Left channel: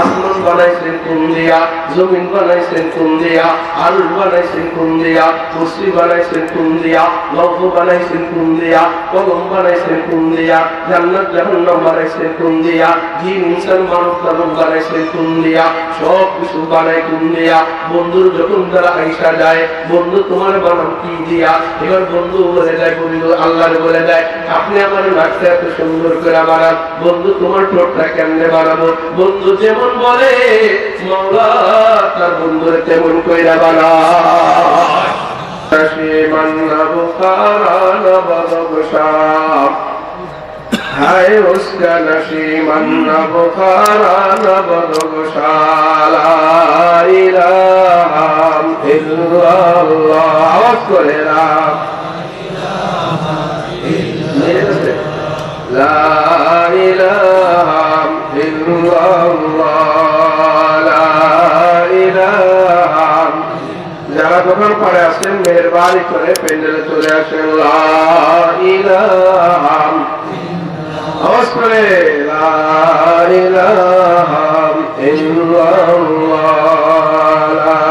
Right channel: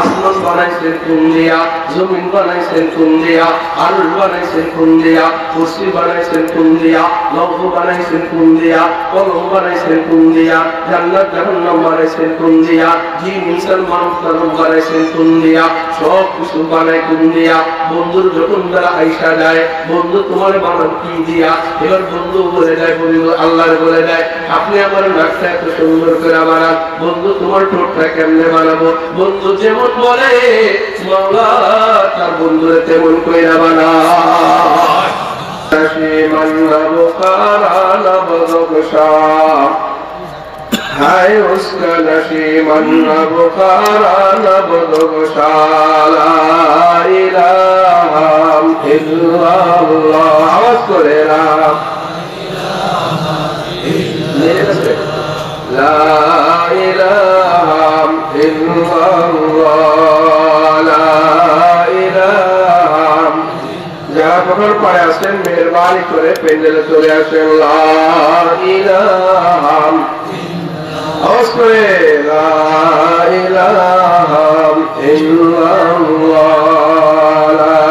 আসমান বানাইছেন কোন দিয়া, জমিন বানাইছেন কোন দিয়া, আরশ বানাইছেন কোন দিয়া, কুরসি বানাইছেন কোন দিয়া, লৌহ বানাইছেন কোন দিয়া, কলম বানাইছেন কোন দিয়া, জান্নাত জাহান্নাম বানাইছেন কোন দিয়া, জিন ইনসান মানব দানব বানাইছেন কোন দিয়া, সব কিছু বানাই কোন দিয়া। বন্ধুর যখন তারা আইসা যায়, বন্ধু তোমার বানান কি দিয়া? এবার বন্ধু বলে দেয়, বন্ধু আল্লাহর বলে দেয়, আপনি আমার নাকটা এত সুন্দর করে বানান। বন্ধু তোমার ঠোঁটটা কেমনে বানাবো? বন্ধু যেমন বলে মাওলা তার বন্ধুরে তেমন কইরা বানায়। হায় উসকা নশীমান বুখারা নবগোশা লা ইলাহা ইল্লাল্লাহ। আওয়াজ করে লা ইলাহা ইল্লাল্লাহ লা ইলাহা। যারা যখন পড়ে আসেন মেহেরবানি করে প্যান্ডেলে চলে আসেন। লা ইলাহা, আওয়াজ করে লা ইলাহা ইল্লাল্লাহ লা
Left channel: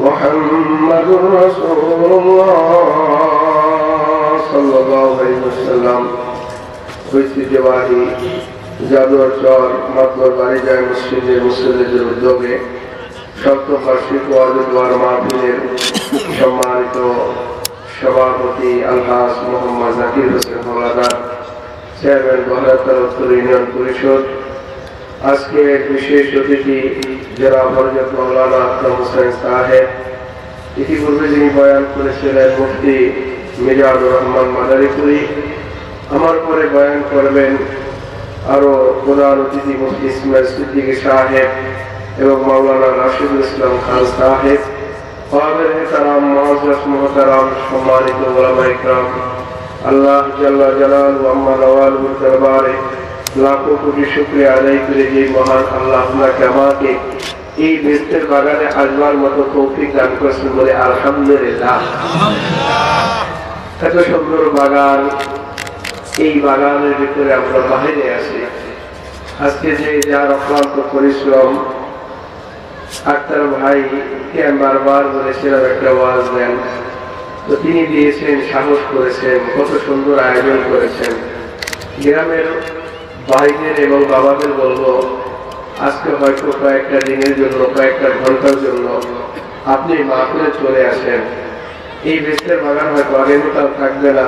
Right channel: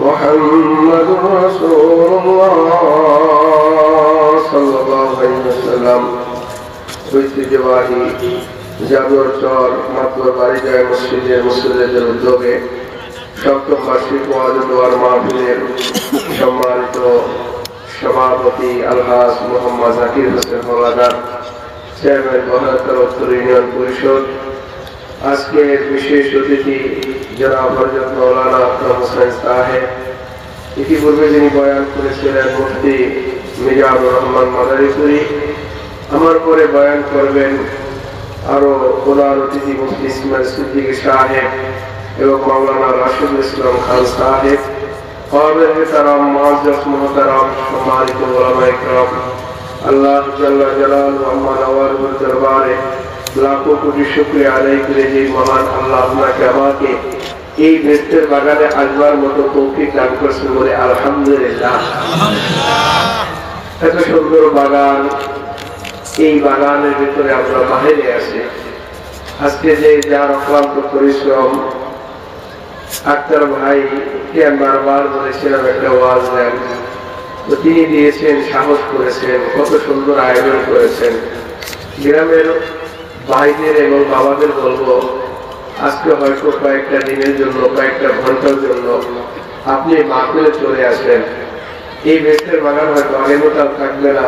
মুহাম্মাদুর রাসূলুল্লাহ সাল্লাল্লাহু আলাইহি ওয়াসাল্লাম। ঐতিহ্যবাহী জাদুর চর মাতবর বাড়িজায় মুসলিমদের উদ্যোগে সপ্তম বার্ষিক ওয়াজ দোয়ার মাহফিলের সম্মানিত সভাপতি আলহাজ মোহাম্মদ জাকির হোসেন হওলাদার, চেয়ারম্যান বহরতর উত্তর ইউনিয়ন পরিষদ, আজকে বিশেষ অতিথি যারা হযরত মাওলানা আকরাম হোসেন সাহেব, ইতিপূর্বে যিনি বয়ান করেছিলেন মুফতি মিজানুর রহমান মাদারীপুরী, আমার পরে বয়ান করবেন আরো প্রধান অতিথি মুফতি ইসমাইল সিদ্দিকী সাহেব এবং মাওলানা রাশিদুল ইসলাম খান সাহেব। সম্মানিত উলামায়ে কেরাম, আল্লাহ জাল্লা জালালুহু আম্মা নওয়ালুহুর দরবারে লাখো কোটি শুকরিয়া আদায় করে যে মহান আল্লাহ আপনাকে আমাকে এই বেস্তের বাগানে আসবার মতো তৌফিক দান করেছেন বলে আলহামদুলিল্লাহ। এত সুন্দর বাগান, এই বাগানের ভিতরে আমরা বাহিরে আছি। আজকে যে যার অক্লান্ত পরিশ্রম, আক্তার ভাই কে বারবার বলেছিলাম একটা ওয়াজ দেন, তো তিনি দিয়েছেন, সাহস করেছেন, কত সুন্দর আয়োজন করেছেন। গ্রামের ভাইদের এবং বাবাদের বলবো, আজকে হয়তো কয়েকটা দিনের জন্য, কয়েকটা ঘন্টার জন্য আপনি মাহফিলে চলে আসেন। এই বেস্তের বাগান হয়তো আগামীকাল থাকবে না,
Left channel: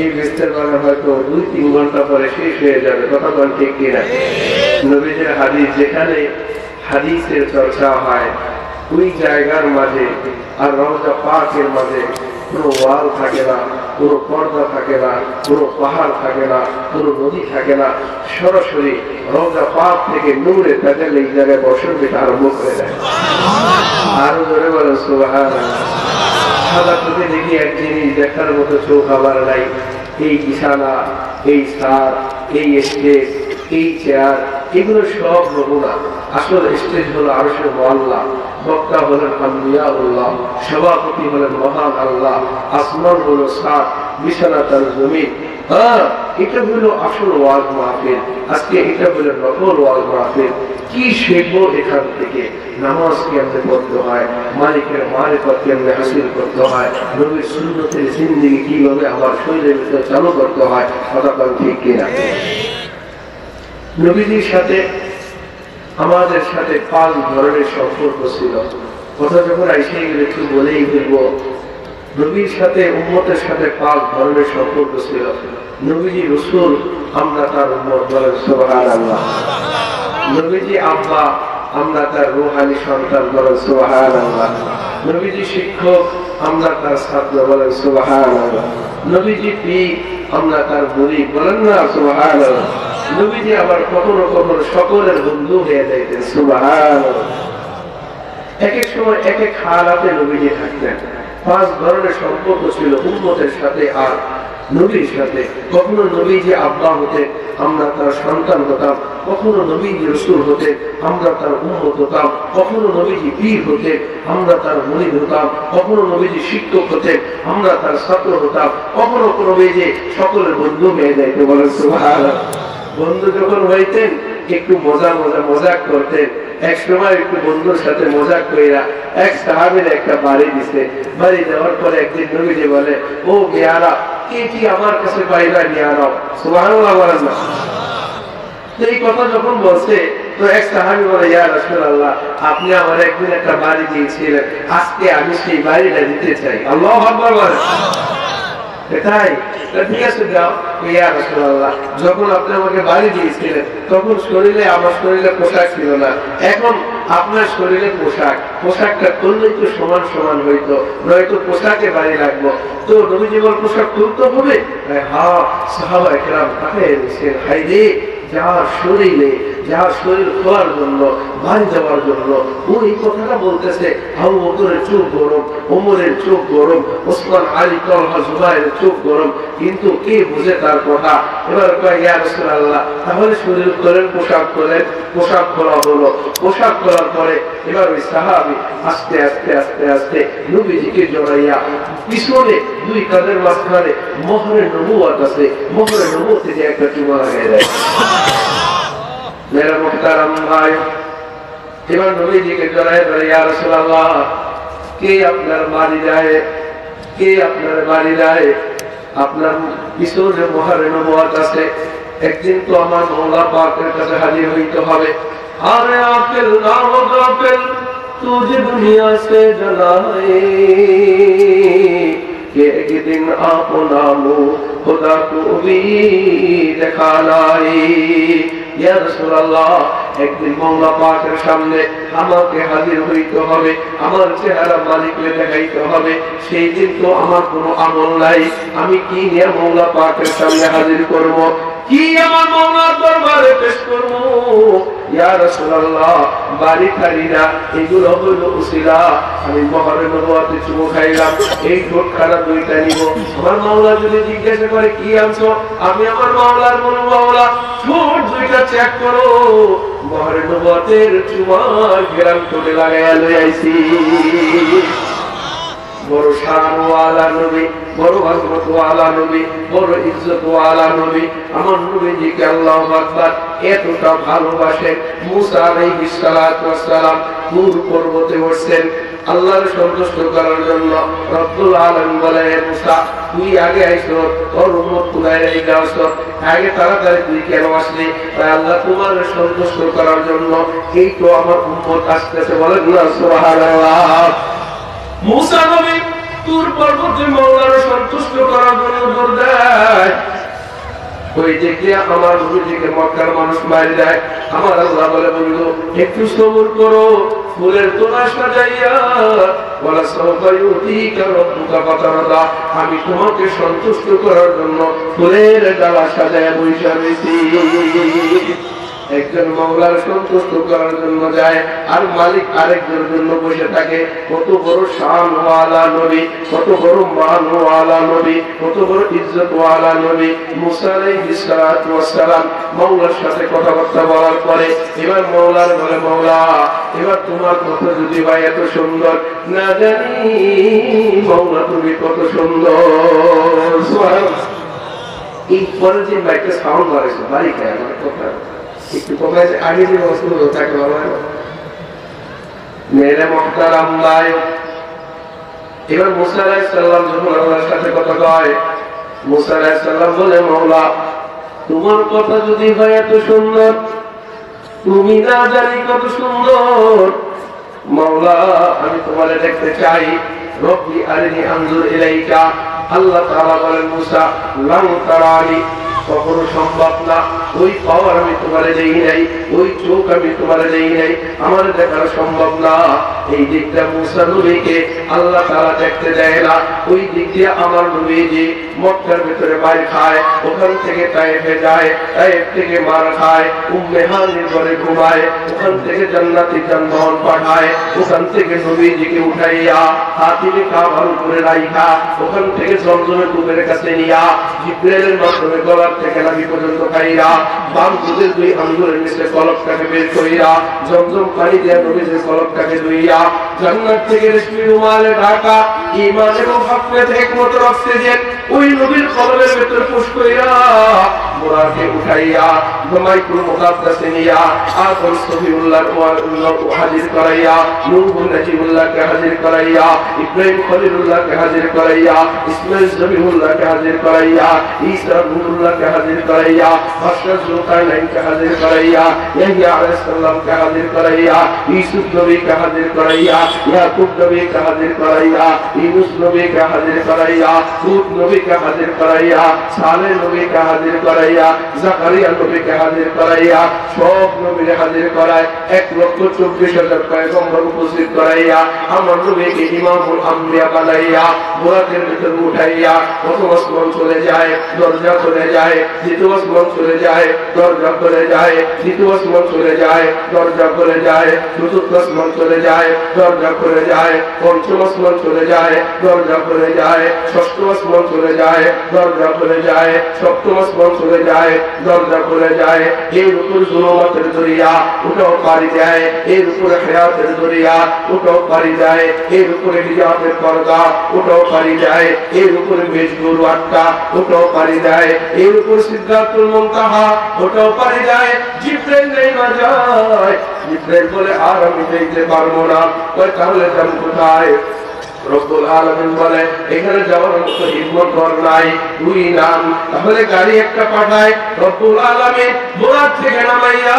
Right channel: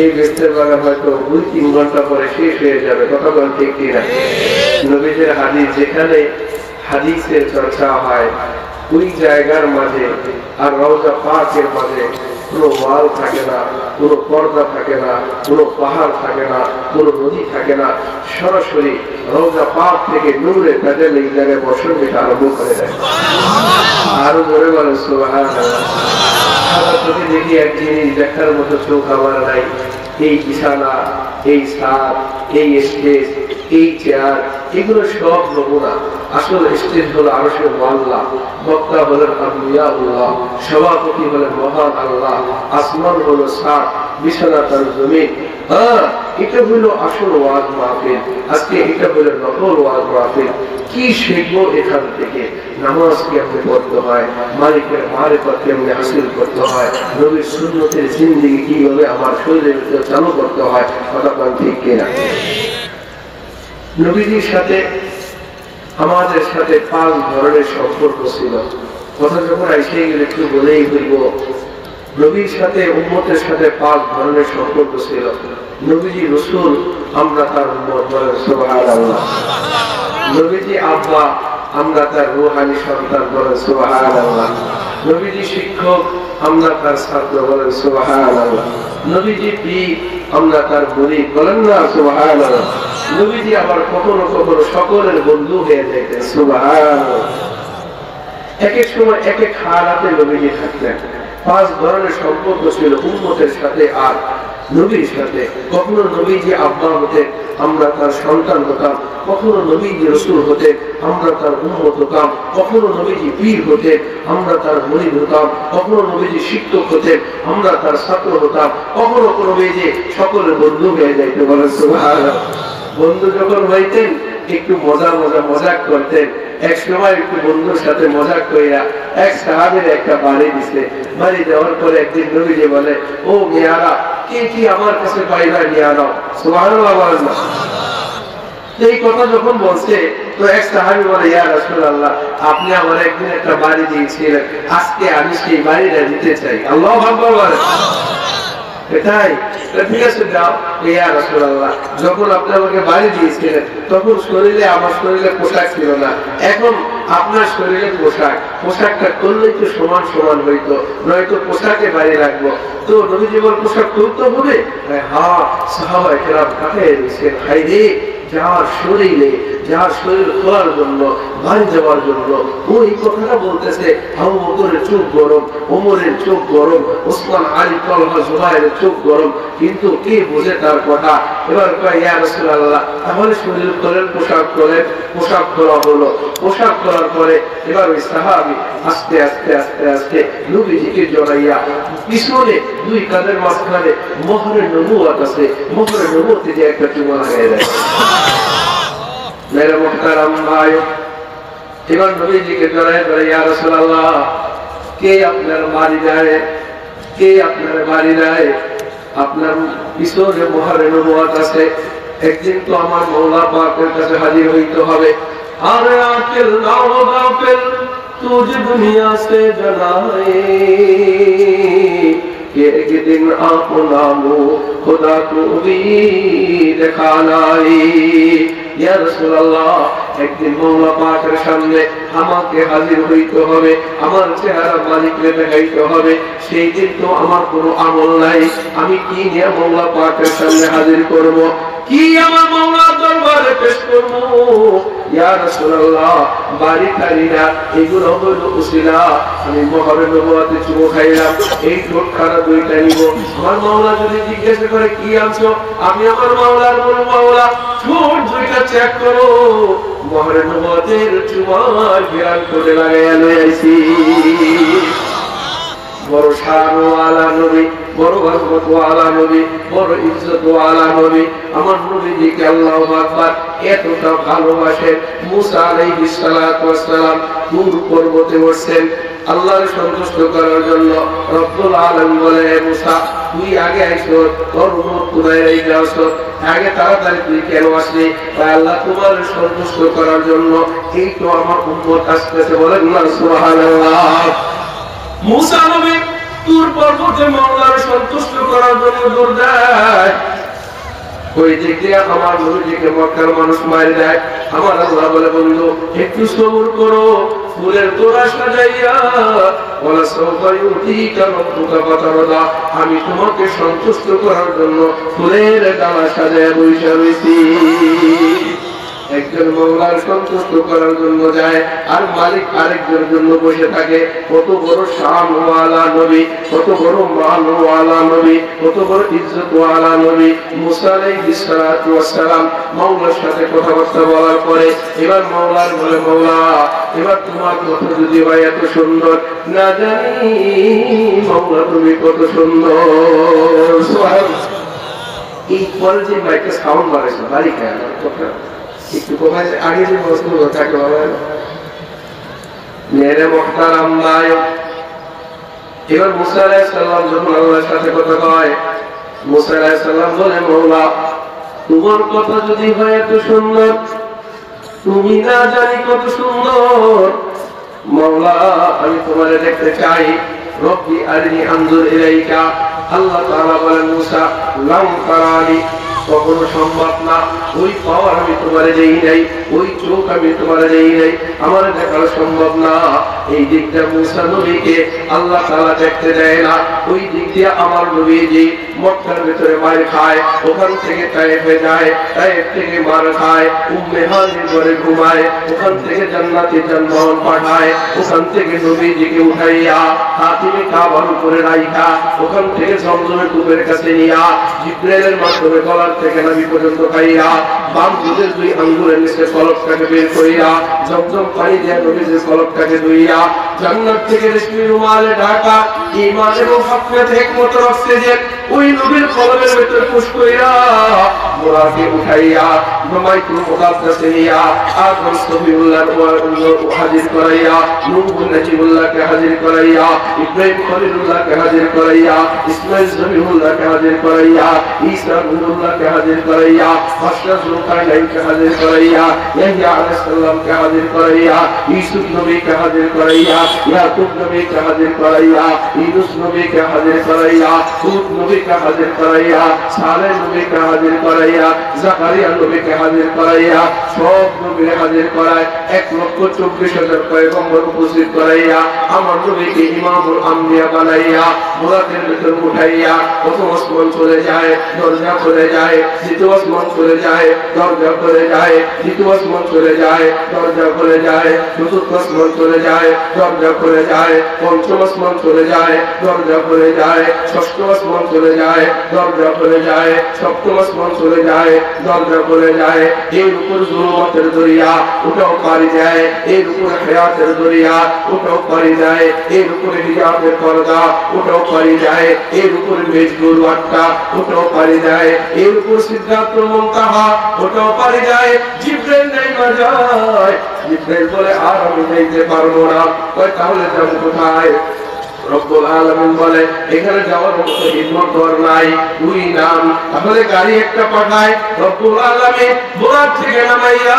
এই বেস্তের বাগান হয়তো 2-3 ঘন্টা পরে শেষ হয়ে যাবে। কথা বলেন ঠিক কিনা? নবীদের হাদিস, যেখানে হাদিসের চর্চা হয় ওই জায়গার মাঝে আর রওজা পাকের মাঝে কোনো ওয়াল থাকে না, কোনো পর্দা থাকে না, কোনো পাহাড় থাকে না, কোনো নদী থাকে না। সরাসরি রওজা পাক থেকে নূরে তাদের এই জায়গায় বর্ষণ যেটা আরম্ভ করে দেয়। আরো জোরে বলেন সুবহানাল্লাহ। সাদা চোখে দেখি এক জিনিস দেখার মতো চোখ আমার নাই। এই বিছানা, এই ছাদ, এই স্টেজ, এই চেয়ার, এগুলো সব নমুনা। আসল স্টেজ হলো আরশের আল্লাহ, বক্তা হলেন আম্বিয়াউল্লাহ, সভাপতি হলেন মহান আল্লাহ, আসমান হলো ছাদ, বিছানা তার জমিন। এটা হলো আসল ওয়াজ মাহফিল। আজকে এটা হলো নকল ওয়াজ মাহফিল। কি শিখবো এখান থেকে? নামাজ কেমনে পড়তে হয়, মালিকের মারিফত কেমনে হাসিল করতে হয়, নবীর সুন্নতের জিন্দেগি কিভাবে আমার শরীরের ভিতরে চালু করতে হয়। কথা বলেন ঠিক কিনা? নবীজির সাথে আমাদের সাথে 5 ধরনের সম্পর্ক ছিল। কথা যখন আইসে গেলে একটু বলেই ফেলবো, নবীর সাথে উম্মতের সাথে 5 ধরনের সম্পর্ক ছিল। নবীজি রাসূল, আমরা তার উম্মত, বলেন সুবহানাল্লাহ। নবীজি আব্বা, আমরা তার রূহানি সন্তান, বলেন সুবহানাল্লাহ। নবীজি শিক্ষক, আমরা তার ছাত্র, বলেন সুবহানাল্লাহ। নবীজি পীর, আমরা তার মুরিদ, বলেন না সুবহানাল্লাহ। নবীজি আবার কখনো কখনো সকলের বন্ধু হয়ে যাইতেন, সুবহানাল্লাহ। এক এক সময় এক এক হালাতে নবীজি থাকতেন। 5 ধরনের সম্পর্ক ছিল উম্মতের সাথে আর নবীর সাথে, কখনো নবীজি আব্বা হতেন, আমরা তার সন্তান হতাম, কখনো নবীজি রসুল হতেন, আমরা তার উম্মত হতাম, কখনো নবীজি পীর হতেন, আমরা তার মুরিদ হতাম, কখনো নবীজি শিক্ষক হতেন, আমরা তার ছাত্র হতাম, কখনো নবীজি সকলের বন্ধু হয়ে যাইতে বলেন সুবহানাল্লাহ। বন্ধু যখন হইতেন একটু মজাক করতেন। এক সময় একটু বন্ধুর সাথে মজাক কইরা এক সাহাবীর একটা বাড়ি দিছে। বাড়ি দেওয়ার পরে একদিন নবীজি বলে, ও মেয়ারা, কি আমার কাছে পাইলা নিয়ে আনাও। সুবহানাল্লাহ বলেন না। এই কথা যখন বলছে তো এক সাহাবী বলে, ইয়া রাসূলুল্লাহ, আপনি আমার একদিন একটা বাড়ি দিয়েছিলেন, আজকে আমি সেই বাড়িটা দিতে চাই। আল্লাহু আকবার বলেন। এটাই ঠিক আছে, যাও। ইয়া রাসূলুল্লাহ, যখন আপনি আমাকে বাড়ি দিয়েছিলেন তখন আমার শরীরে পোশাক ছিল না, এখন আপনার শরীরে পোশাকটা করলেই তো সমান সমান হইতো, নয়তো পোশাকে বাড়ি রাখবো। তো নবীজি বল, পোশাক তুলতে হবে? হ্যাঁ, সাহাবায়ে কেরাম পাঠিয়ে দিয়েছেন। হাই রে, যার শরীর খোলার জন্য, বাড়ি যাওয়ার জন্য ওই কথাটা বলতেছে। আবু বকরের চোখ গরম, ওমরের চোখ গরম, ওসমান, আলী, তালহা, জুবাইরের চোখ গরম, কিন্তু কে বুঝে তার কথা? এবার ইয়া রাসূলুল্লাহ, তাহলে শরীর খোলেন, পোশাক খোলেন। পোশাক খোলা হলো। পোশাক খোলার পরে এবার ওই সাহাবী আস্তে আস্তে আস্তে আস্তে নবীজিকে জড়াইয়া পিছনে দুই কাঁধের মাঝখানে মোহরে নবুয়ত আছে, মোহরে নবুয়তে যে একটা চুমা লাগাই দেয়। মেরা মুহতারাম ভাই, এবার নবীজিকে জড়াই ধরে, ইয়া রাসূলুল্লাহ, কে আপনার বাড়ি যায়? কে আপনার বাড়ি যায়? আপনার পিছনে মোহরে নবুয়ত আছে, একদিন তো আমার মওলা পাকের কাছে হাজির হইতে হবে। আরে আকিল নাম গাফিল तुझे दुनिया से जलाए, एक दिन अपना मुँह खुदा को भी दिखानाए। ইয়া রাসূলুল্লাহ, একদিন মওলা পাকের সামনে আমাকে হাজির হইতে হবে, আমার চেহারা মালিককে দেখাইতে হবে। সেই দিন তো আমার কোনো আমল নাই, আমি কি নিয়ে মওলা পাকের সামনে হাজির করব? কি আমার মওলার দরবারে পেশ করব? ইয়া রাসূলুল্লাহ, বাড়ি খালি না, এগুলো হলো উসিলা। আমি মোহরে নবুয়তে চুমো খাইলাম, এই ঠোঁটখানা দুইটা নিব। আমার মওলা যদি জিজ্ঞাসা করে কি আনছো, আমি আমার মওলার বলবো, মওলা ঠোঁট দুইটা চেক করো, মোহরে নবুয়তের চুমার ঘেরান করে লাগাইয়া লই আইছি। বড় শানওয়ালা নবী, বড় বরকতওয়ালা নবী, বড় ইজ্জতওয়ালা নবী, আমার নবীজিকে আল্লাহু আকবার এতটা ভালোবাসেন। মুসা আলাইহিস সালাতু ওয়াস সালাম নূর পর্বতে উঠছেন আল্লাহর সন্তুষ্ট করার জন্য। রব্বুল আলামিন বলে, মুসা তুই আগে আইছো, তোর উম্মত কোথায় রেখে আসছো, আগে তাড়াতাড়ি তুই কেন আসলি? তাই আল্লাহ তোমার সন্তুষ্ট করার জন্য এই তো আমার উম্মত আসতেছে। বলেন না সুবহানাল্লাহ। মুসা নবী তুর পর্বতে মওলার সন্তুষ্ট করার জন্য দৌড় দেয়। ওই দিক দিয়ে আমার নবীজিকে মক্কার মানুষ মারি দেয়। আমার আল্লাহ বলে, বন্ধু একটু সবর করো, ফুলের তোড়া সাজাইয়া বলা সবাই উঠিকা রব্বুকা ফাতারদা, আমি তোমাকে সন্তুষ্ট করার জন্য ফুলের ডালা সাজাইয়া বইসা রয়েছি। একজন মওলার সন্তুষ্ট করার জন্য যায়, আর মালিক আরেকজনের জন্য বসে থাকে। কত বড় শানওয়ালা নবী, কত বড় মানওয়ালা নবী, কত বড় ইজ্জতওয়ালা নবী। মুসা আলাইহিস সালাতু ওয়াস সালাম মওলার সাথে কথাবার্তা বলার পরে এবার মওলার বলে, মওলা এবার তোমার কথা যদি ভাই এত সুন্দর, না জানি মওলা তুমি কত সুন্দর। সুবহানাল্লাহ। এই পরে যে মাইকে সাউন্ড মারেছে বাড়ি খায় আমার কথা একটু কমায়, আগে যে বস্তু থাকে বাবা। মেরে মুহতারাম ভাই, এবার মুসা আলাইহিস সালাম যখন আল্লাহর সাথে কথা কয়, মুসা আলাইহিস সালাম বলে, মওলা তোমার কথা যদি হয় এত সুন্দর, তুমি না জানি কত সুন্দর, মওলা আমি তোমারে দেখতে চাই। রব্বি আরিনি আনজুর ইলাইকা। আল্লাহ তাআলা বলেন, মুসা লাউ তারানি, কখনো সম্ভব না, ওই পাওয়ার আমি তোমারে দেই নাই, ওই চোখ আমি তোমারে দেই নাই, আমার দেখা সম্ভব না। এই দিকটা মুসা নবীকে আল্লাহ তাআলা দেখতে দেয় না। ওই দিক দিয়ে আমার নবীজি মক্কার ভিতরে মার খায়, ওখান থেকে তায়েফে যায়, তায়েফ থেকে মার খায়, উম্মে হানির ঘরে ঘুমায়, ওখান থেকে জান্নাতি যানবাহন পাঠায়, ওখান থেকে নবীজিকে উঠাইয়া হাতিমে কাবার উপরে রাইখা ওখান থেকে জমজমের কূপের কাছে নিয়া জিবরাইলের মাধ্যমে গলার থেকে নাভি পর্যন্ত খাইয়া বাম দুধের দুই আঙ্গুলের নিচে কলকটাকে বের করিয়া জমজম পানি দিয়া নবীজির কলকটাকে ধুইয়া জান্নাত থেকে রেশমি রুমালে ঢাকা ঈমান এবং হাফিয়াত হিকমত অক্সিজেন ওই নবীর কলমের ভিতরে পুশ কইরা মুরাকে উঠাইয়া বাইতুল মুকাদ্দাসে নিয়া আদম সফিউল্লাহ হাজির করাইয়া নূহ নাজিবুল্লাহকে হাজির করাইয়া ইব্রাহিম খলিলুল্লাহকে হাজির করাইয়া ইসমাঈল জবিহুল্লাহকে হাজির করাইয়া ঈসা রূহুল্লাহকে হাজির করাইয়া হাসরাত জুলকারনাইনকে হাজির করাইয়া ইয়াহইয়া আলাইহিস সালামকে হাজির করাইয়া ইউসুফ নবীকে হাজির করাইয়া ইয়াকুব নবীকে হাজির করাইয়া ইউনূস নবীকে হাজির করাইয়া হুদ নবীকে হাজির করাইয়া সালেহ নবীকে হাজির করাইয়া জাকারিয়া নবীকে হাজির করাইয়া সব নবীকে হাজির করায় 1,24,000 পয়গম্বর উপস্থিত করাইয়া আমার নবীকে ইমামুল আম্বিয়া বানাইয়া মুরাদের ভিতর উঠাইয়া প্রথম আসমান চলে যায়, দরজা খুলে যায়, দ্বিতীয় আসমান চলে যায়, দরজা খুলে যায়, দ্বিতীয় আসমান চলে যায়, দরজা খুলে যায়, চতুর্থ আসমান চলে যায়, দরজা খুলে যায়, পঞ্চম আসমান চলে যায়, দরজা খুলে যায়, ষষ্ঠ আসমান চলে যায়, দরজা খুলে যায়, সপ্তম আসমান চলে যায়, দরজা খুলে যায়। এর উপর জুলুমাতের দরিয়া ওটাও পারি যায়, এর উপরে হায়াতের দরিয়া ওটাও পারি যায়, এর উপরে হিজাবের পর্দা ওটাও পারি যায়, এর উপরে মেজগুরু আটটা ওটাও পারি যায়, এর উপর সিদ্ধাতুল মুনতাহা ওটাও পারি যায়। জিবরাইল নেমে যায়, জিবরাইল বলে আর আমি যেতে পারবো না। কয় তাহলে যাবো কোথায়? রব্বুল আলামিন বলে এখানে যাওয়ার মতো হিম্মত কর নাই, তুই নাম। তাহলে গাড়ি একটা পাঠায় রব্বুল আলামিন বোরাক থেকে নামাইয়া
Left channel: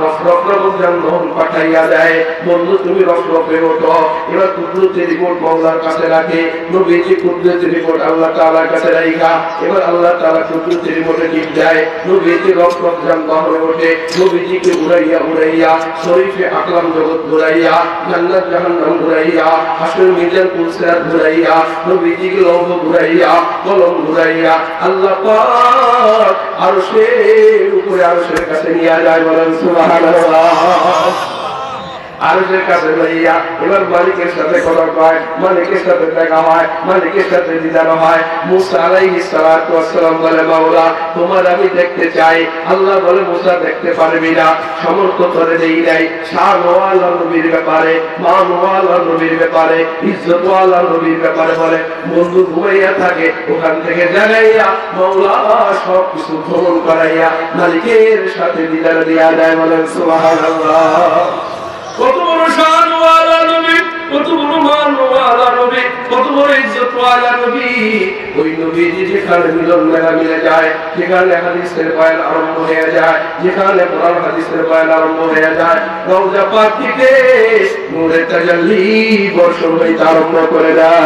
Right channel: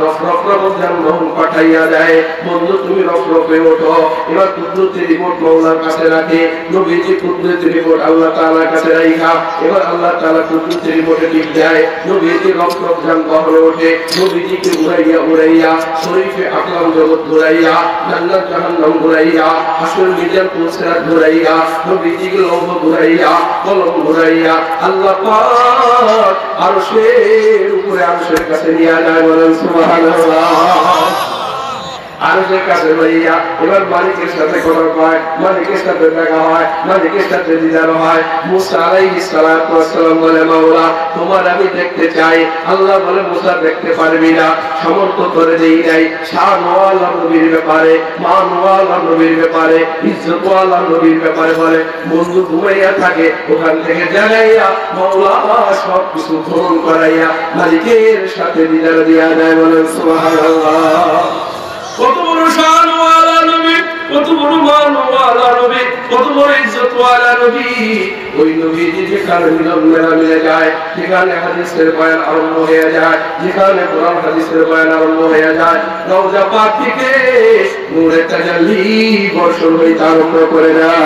রফরফ যানবাহন পাঠাইয়া দেয়। বন্ধু তুমি রফরফে ওঠো, এবার কুদরতের রিমোট মাওলার কাছে রাখে, নবীজি কুদরতের রিমোট আল্লাহ তাআলার কাছে রাখা, এবার আল্লাহ তাআলা কুদরতের রিমোটে টিপ দেয়, নবীজি রফরফ যানবাহনে ওঠে, নবীজিকে উড়াইয়া উড়াইয়া শরীফে আকলাম জগৎ ঘুরাইয়া, জান্নাত জাহান্নাম ঘুরাইয়া, হাসর মিজান পুলসিরাত ঘুরাইয়া, নবীজিকে লৌহ ঘুরাইয়া, কলম ঘুরাইয়া আল্লাহ পাক আরশের উপরে আরশের কাছে নিয়ে যায়। বলেন সুবহানাল্লাহ। আরশের কাছে লইয়া এবার মালিকের সাথে কথা কয়, মালিকের সাথে দেখা হয়, মালিকের সাথে দিদার হয়। মুসা আলাইহিস সালাতু ওয়াস সালাম বলে মাওলা তোমার আমি দেখতে চাই। আল্লাহ বলে মুসা দেখতে পারবি না, সামর্থ্য করে দেই নাই। শানওয়ালা নবীর ব্যাপারে, মানওয়ালা নবীর ব্যাপারে, ইজ্জতওয়ালা নবীর ব্যাপারে বলে বন্ধু ঘুমাইয়া থাকে, ওখান থেকে জানাইয়া মাওলা সব কিছু গ্রহণ করাইয়া মালিকের সাথে দিদার দিয়া যায়। বলেন সুবহানাল্লাহ। কত বড় শানওয়ালা নবী, কত বড় মানওয়ালা নবী, কত বড় ইজ্জতওয়ালা নবী। ওই নবীজি যেখানে মিলন মেলা মিলে যায়, যেখানে হাদিসের বয়ান আরম্ভ হয়ে যায়, যেখানে কোরআন হাদিসের বয়ান আরম্ভ হয়ে যায়, রওজা পাক থেকে নূরের তাজাল্লি বর্ষণ হইতে আরম্ভ করে দেয়।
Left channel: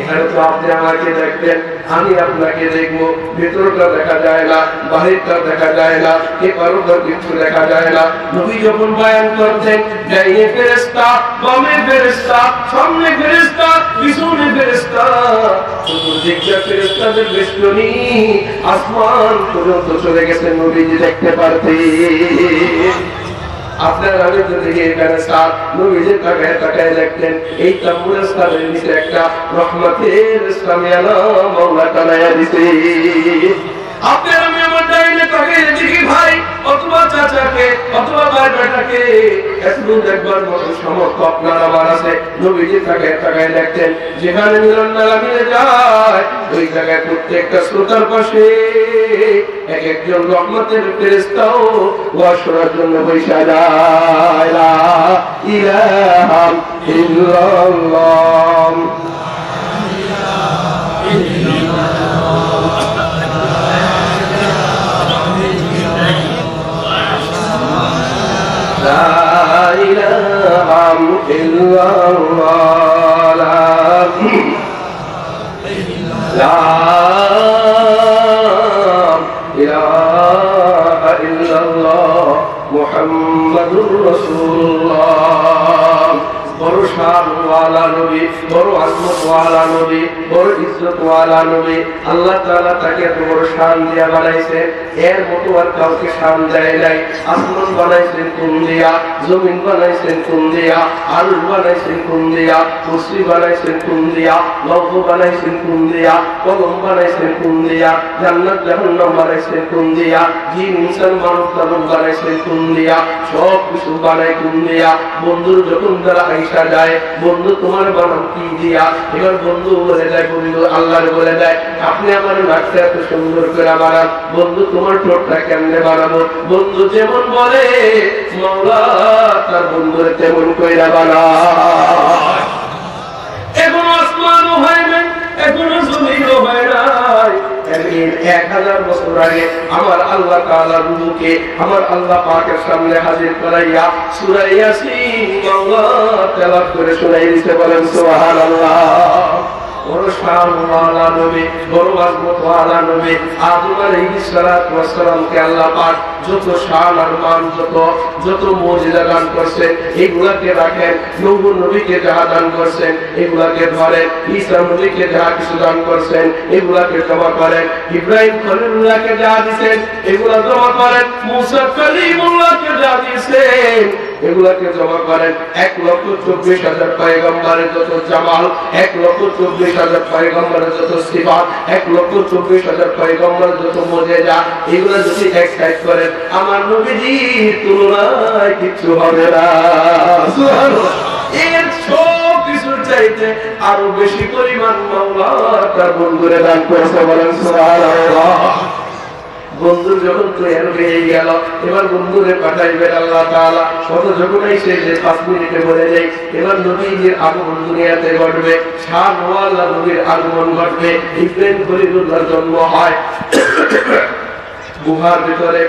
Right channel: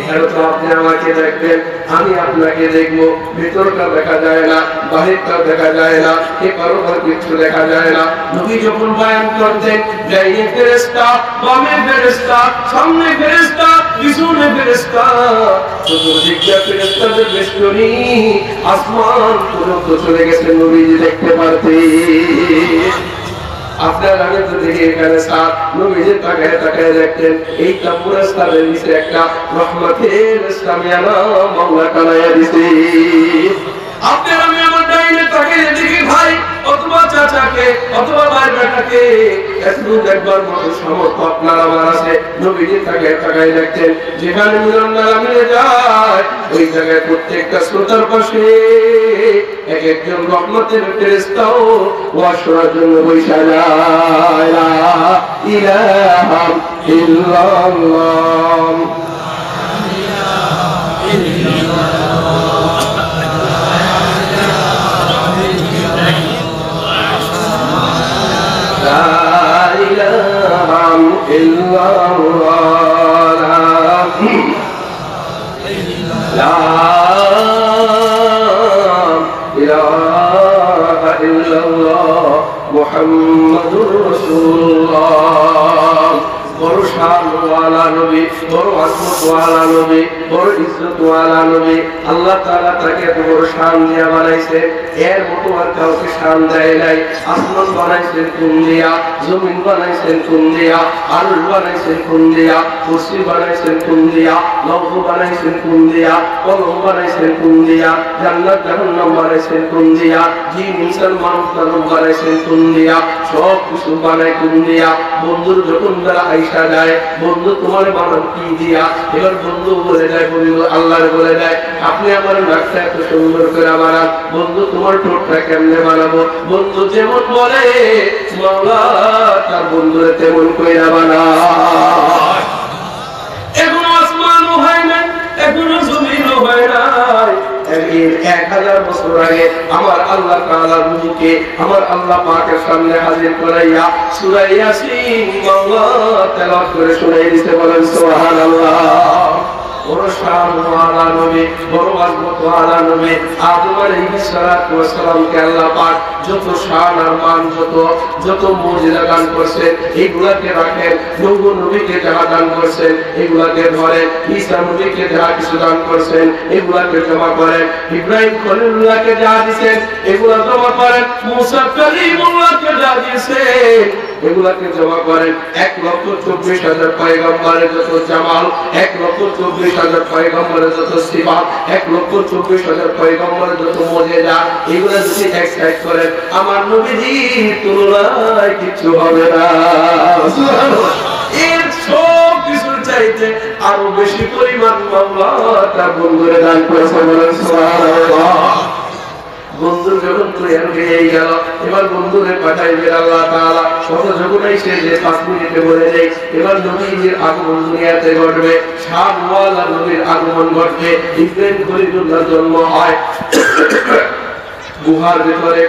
এখানে তো আপনি আমাকে দেখবেন, আমি আপনাকে দেখবো, ভিতরটা দেখা যায় না, বাহিরটা দেখা যায় না, এপারোপার কিছু দেখা যায় না। নবী যখন বয়ান করতেন, ডাইনে ফেরেশতা, বামে ফেরেশতা, সামনে ফেরেশতা, পিছনে ফেরেশতা, চতুর্দিকে ফেরেশতাদের বেষ্টনী, আসমান পর্যন্ত চলে গেছে, নবীজি দেখতে পারতেন। আপনার আমি তো দেখি এখানে স্যার নবীজির তাকায় তাকায় দেখতেন, এই তাম্বুরের স্থানের নিচে একটা রহমতের ইসলামিয়ানা মাওলা কানাইয়া দিছে। আপনার আমি আমার ডাইনে তাকিয়ে দেখি ভাই অথবা চাচাকে অথবা ভাই বেটাকে, একটু দেখবার মতো সামর্থ্য আপনার আমার আছে। নবীজির তাকায় তাকায় দেখতেন, যেখানে মিলন মেলা মিলে যায় ওই জায়গায় প্রত্যেকটা শ্রোতার পাশে এক একজন রহমতের ফেরেশতাও ওয়াজ শোনার জন্য বসে যায়। লা ইলাহা ইল্লাল্লাহ, লা ইলাহা ইল্লাল্লাহ, লা মুহাম্মাদুর রাসূলুল্লাহ। বড় শানওয়ালা নবী, বড় আজমতওয়ালা নবী, বড় ইজ্জতওয়ালা নবী। আল্লাহ তাআলা তাকে এত বড় শান দিয়া বানাইছে, এর মতো আর কাউকে শান দেয় নাই। আসমান বানাইছেন কোন দিয়া, জমিন বানাইছেন কোন দিয়া, আরশ বানাইছেন কোন দিয়া, কুরসি বানাইছেন কোন দিয়া, লৌহ বানাইছেন কোন দিয়া, কলম বানাইছেন কোন দিয়া, জান্নাত জাহান্নাম বানাইছেন কোন দিয়া, জিন ইনসান মানব দানব বানাইছেন কোন দিয়া, সব কিছু বানাই কোন দিয়া। বন্ধুর যখন বেলা আইসা যায়, বন্ধু তোমার বানান কি দিয়া? এবার বন্ধু বলে যায়, বন্ধু আল্লাহর বলে দেয়, আপনি আমার নাকটা এত সুন্দর করে বানান, বন্ধু তোমার ঠোঁটটা কেমনে বানাবো? বন্ধু যেমন বলে মাওলা তার বন্ধুরে তেমন কইরা বানায়। এখনো আসমানও হয় না, এখনো জমিনও হয় না। 1000 বছর আগে আমার আল্লাহ তাআলার রূহকে আমার আল্লাহ পাকের সামনে হাজির করাইয়া সূরা ইয়াসিন মাওলা তেলাওয়াত করে শোনাই দিতে বলেন সুবহানাল্লাহ। বড় শানওয়ালা নবী, বড় আজমতওয়ালা নবী আদম আলাইহিস সালাতু ওয়াস সালামকে আল্লাহ পাক যত শান আর মান, যত মুজিজা দান করেছেন এগুলাকে রাখেন। নূহ নবীকে যাহা দান করেছেন এগুলাকে ধরেন, ঈসা নবীকে যাহা কিছু দান করেছেন এগুলাকে জমা করেন, ইব্রাহিম খলিলুল্লাহকে যা দিয়েছেন এগুলা জমা করেন, মুসা কালিমুল্লাহকে যা দিয়েছেন এগুলাকে জমা করেন। 1,24,000 পয়গম্বরের যত জামাল, 1,24,000 পয়গম্বরের যত সিফাত, 1,24,000 পয়গম্বরের যত মুজিজা, এগুলা যদি এক সাইড করেন আমার নবীজির তুলনায় কিছু হবে না। এর সব কিছুর চাইতে আরো বেশি পরিমাণ মাওলা তার বন্ধুরে দান করেছে বলেন সুবহানাল্লাহ। বন্ধু যখন তৈরি হয়ে গেল, এবার বন্ধুরে পাঠাইবেন আল্লাহ তাআলা। শত যখন এসে যে 5 মিনিটে বলে যাই, এবার নবীর আগমন দুনিয়াতে ঘটবে, শানওয়ালা নবীর আগমন ঘটবে। ইব্রাহিম খলিলুল্লাহর জন্ম হয় গুহার ভিতরে,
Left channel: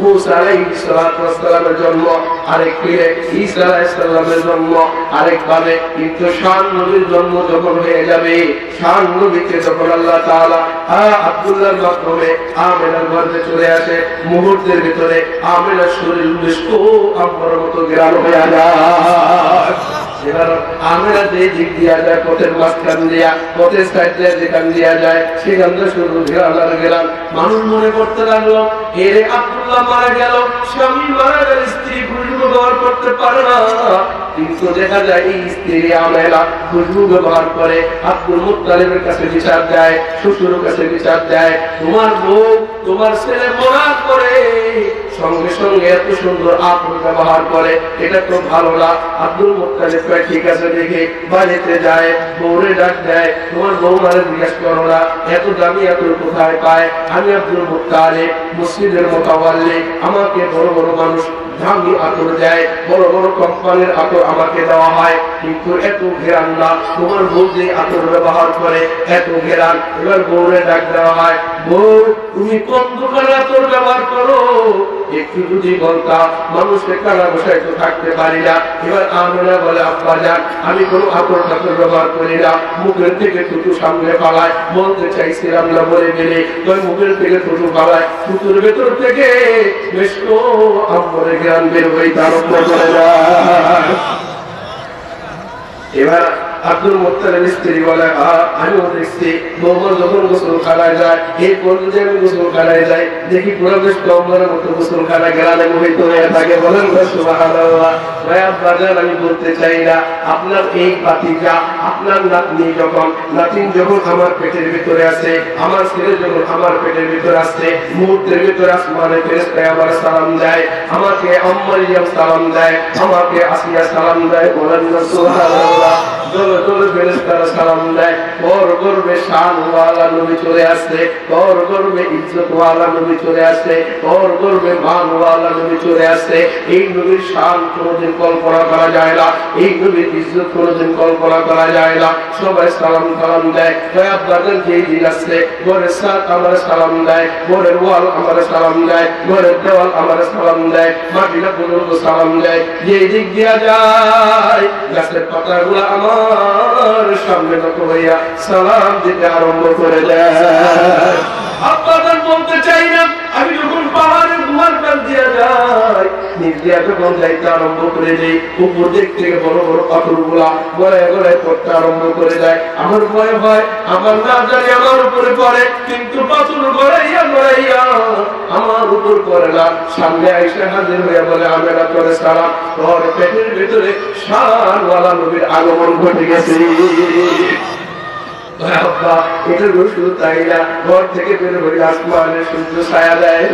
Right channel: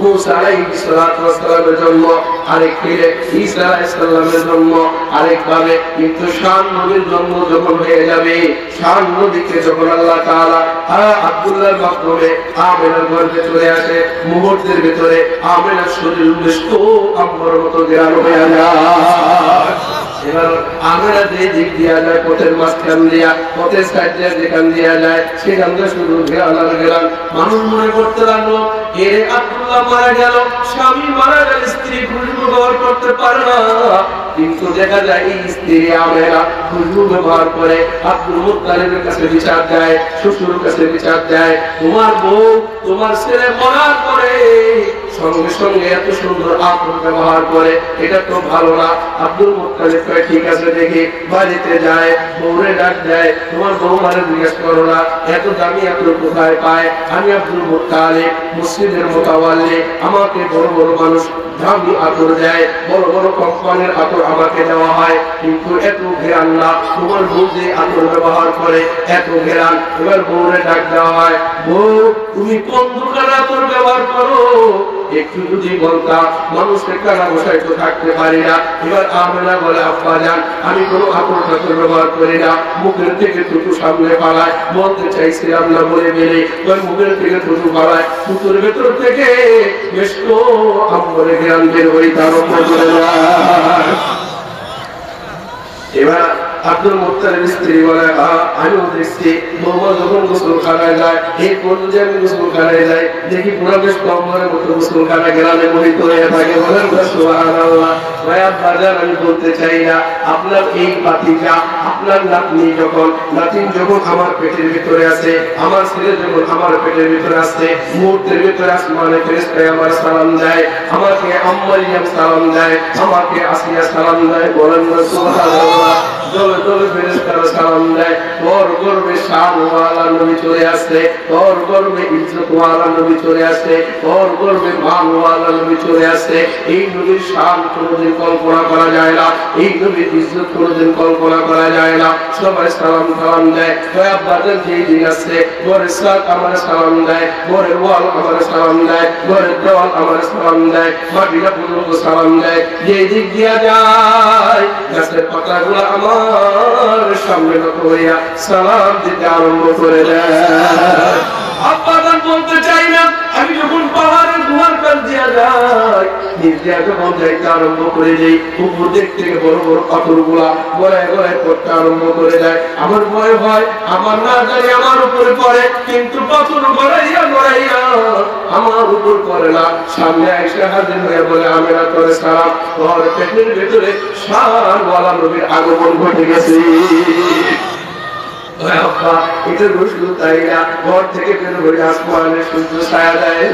মুসা আলাইহিস সালাতু ওয়াস সালামের জন্ম আরেকভাবে, ঈসা আলাইহিস সালামের জন্ম আরেকভাবে। কিন্তু শান নবীর জন্ম যখন হয়ে যাবে, শান নবীকে যখন আল্লাহ তাআলা আব্দুল্লাহর মাধ্যমে আমেনার গর্ভে চলে আসে, মুহূর্তের ভিতরে আমেনার শরীর মিষ্ক আম্বরের মতো গ্রাম হয়ে যায়। এবার আমরা যে দিক দিয়া যায়, পথের মাঝখান দিয়া, পথের সাইড দিয়া যেখান দিয়া যায় সেখান থেকে শুরু গেলাম। মানুষ মনে করতে লাগলো এর আব্দুল্লাহ মারা গেল, স্বামী মারা গেল, স্ত্রী খুশবু ব্যবহার করতে পারে না। কিন্তু দেখা যায় এই স্ত্রী আমেনা খুশবু ব্যবহার করে, আব্দুল মুত্তালিবের কাছে বিচার দেয়, শ্বশুরের কাছে বিচার দেয়, তোমার বউ তোমার ছেলে মরার পরে সঙ্গে সঙ্গে এত সুন্দর আতর ব্যবহার করে, এটা তো ভালো না। আব্দুল মুত্তালিব ঠিক আছে দেখে বাড়িতে যায়, বউরে ডাক দেয়, তোমার বউ মারে জিজ্ঞাসা করো না এত দামি আতর কোথায় পায়? আমি আব্দুল মুত্তালিব মসজিদের মোতাওয়াল্লি, আমাকে বড় বড় মানুষ দামি আতর দেয়, বড় বড় কোম্পানির আতর আমাকে দেওয়া হয়, কিন্তু এত ঘেরান না। তোমার বউ যে আতর ব্যবহার করে এত ঘেরান। এবার বউরে ডাক দেওয়া হয়, বউ তুমি কোন দোকানের আতর ব্যবহার করো? একটু যদি বলতা মানুষকে কানা বসায় তো থাকতে পারি না। এবার আমেনা বলে, আব্বা জান আমি কোনো আতর ফাতর ব্যবহার করি না, মুখের থেকে থুতু সামনে পালায়, বলতে চাইছিলাম না বলে গেলে মুখের থেকে থুতু পালায়, থুতুর ভেতর থেকে বেশ তো আম্বরে জ্ঞান বের হয়ে আরম্ভ করে যায়। এবার আব্দুল মুত্তালিবের স্ত্রী বলে, আমিও দেখছি মোহাম্মদ যখন গোসলখানায় যায়, এই পর্যন্ত আমি গোসলখানায় যাই, দেখি পুরো বেশ কম্বলের মতো গোসলখানায় গেলাম মোহিত হয়ে থাকে। বলেন সুবহানাল্লাহ। আমি বলতে চাই না, আপনার এই বাতিজা, আপনার নাতনি যখন আমার পেটের ভিতরে আছে, আমার ছেলে যখন আমার পেটের ভিতরে আছে, মুহূর্তের ভিতরে আসমানে ফেরেশতায় আমার সালাম দেয়, আমাকে আম্মাইয়াম সালাম দেয়, আমাকে আসিয়া সালাম দেয়। বলেন সুবহানাল্লাহ। দলে দলে ফেরেশতারা সালাম দেয়, তোর গর্বে শানওয়ালা নবী চলে আসছে, তোর গর্বে ইজ্জতওয়ালা নবী চলে আসছে, তোর গর্বে মানওয়ালা নবী চলে আসছে। এই নবীর শান কোনদিন কল্পনা করা যায় না, এই নবীর ইজ্জত কোনদিন কল্পনা করা যায় না। সবাই সালাম দেয়, আব্বাদের যেই দিন আসছে, ঘরের সাথ আমার সালাম দেয়, ঘরের ওয়াল আমার সালাম দেয়, ঘরের দেওয়াল আমার সালাম দেয়, মাটিরা পর্যন্ত সালাম দেয়। যেই দিক দিয়া যায় গাছের পাতাগুলো আমার সামনে নত হইয়া সালাম দিতে আরম্ভ করে দেয়। আব্বাজান বলতে চাই না, আমি যখন পাহাড়ের গুহার কাছ দিয়া যাই, নিজে যখন যাইতে আরম্ভ করে দেয়, উপর দিক থেকে বড় বড় পাথরগুলা গলায় গলায় পড়তে আরম্ভ করে দেয়। আমার ভয় হয় আমার না জানি আমার উপরে পড়ে, কিন্তু পাথর গড়াইয়া গড়াইয়া আমার উপর পড়ে না। সামনে আইসা হাজির হয়ে বলে, আমেনা করে সালাম, তোমার পেটের ভেতরে শানওয়ালা নবীর আগমন ঘটে গেছে। এটা শুধু তাই না, ঘর থেকে বের হয়ে আসমানের সূর্য ছায়া দেয়,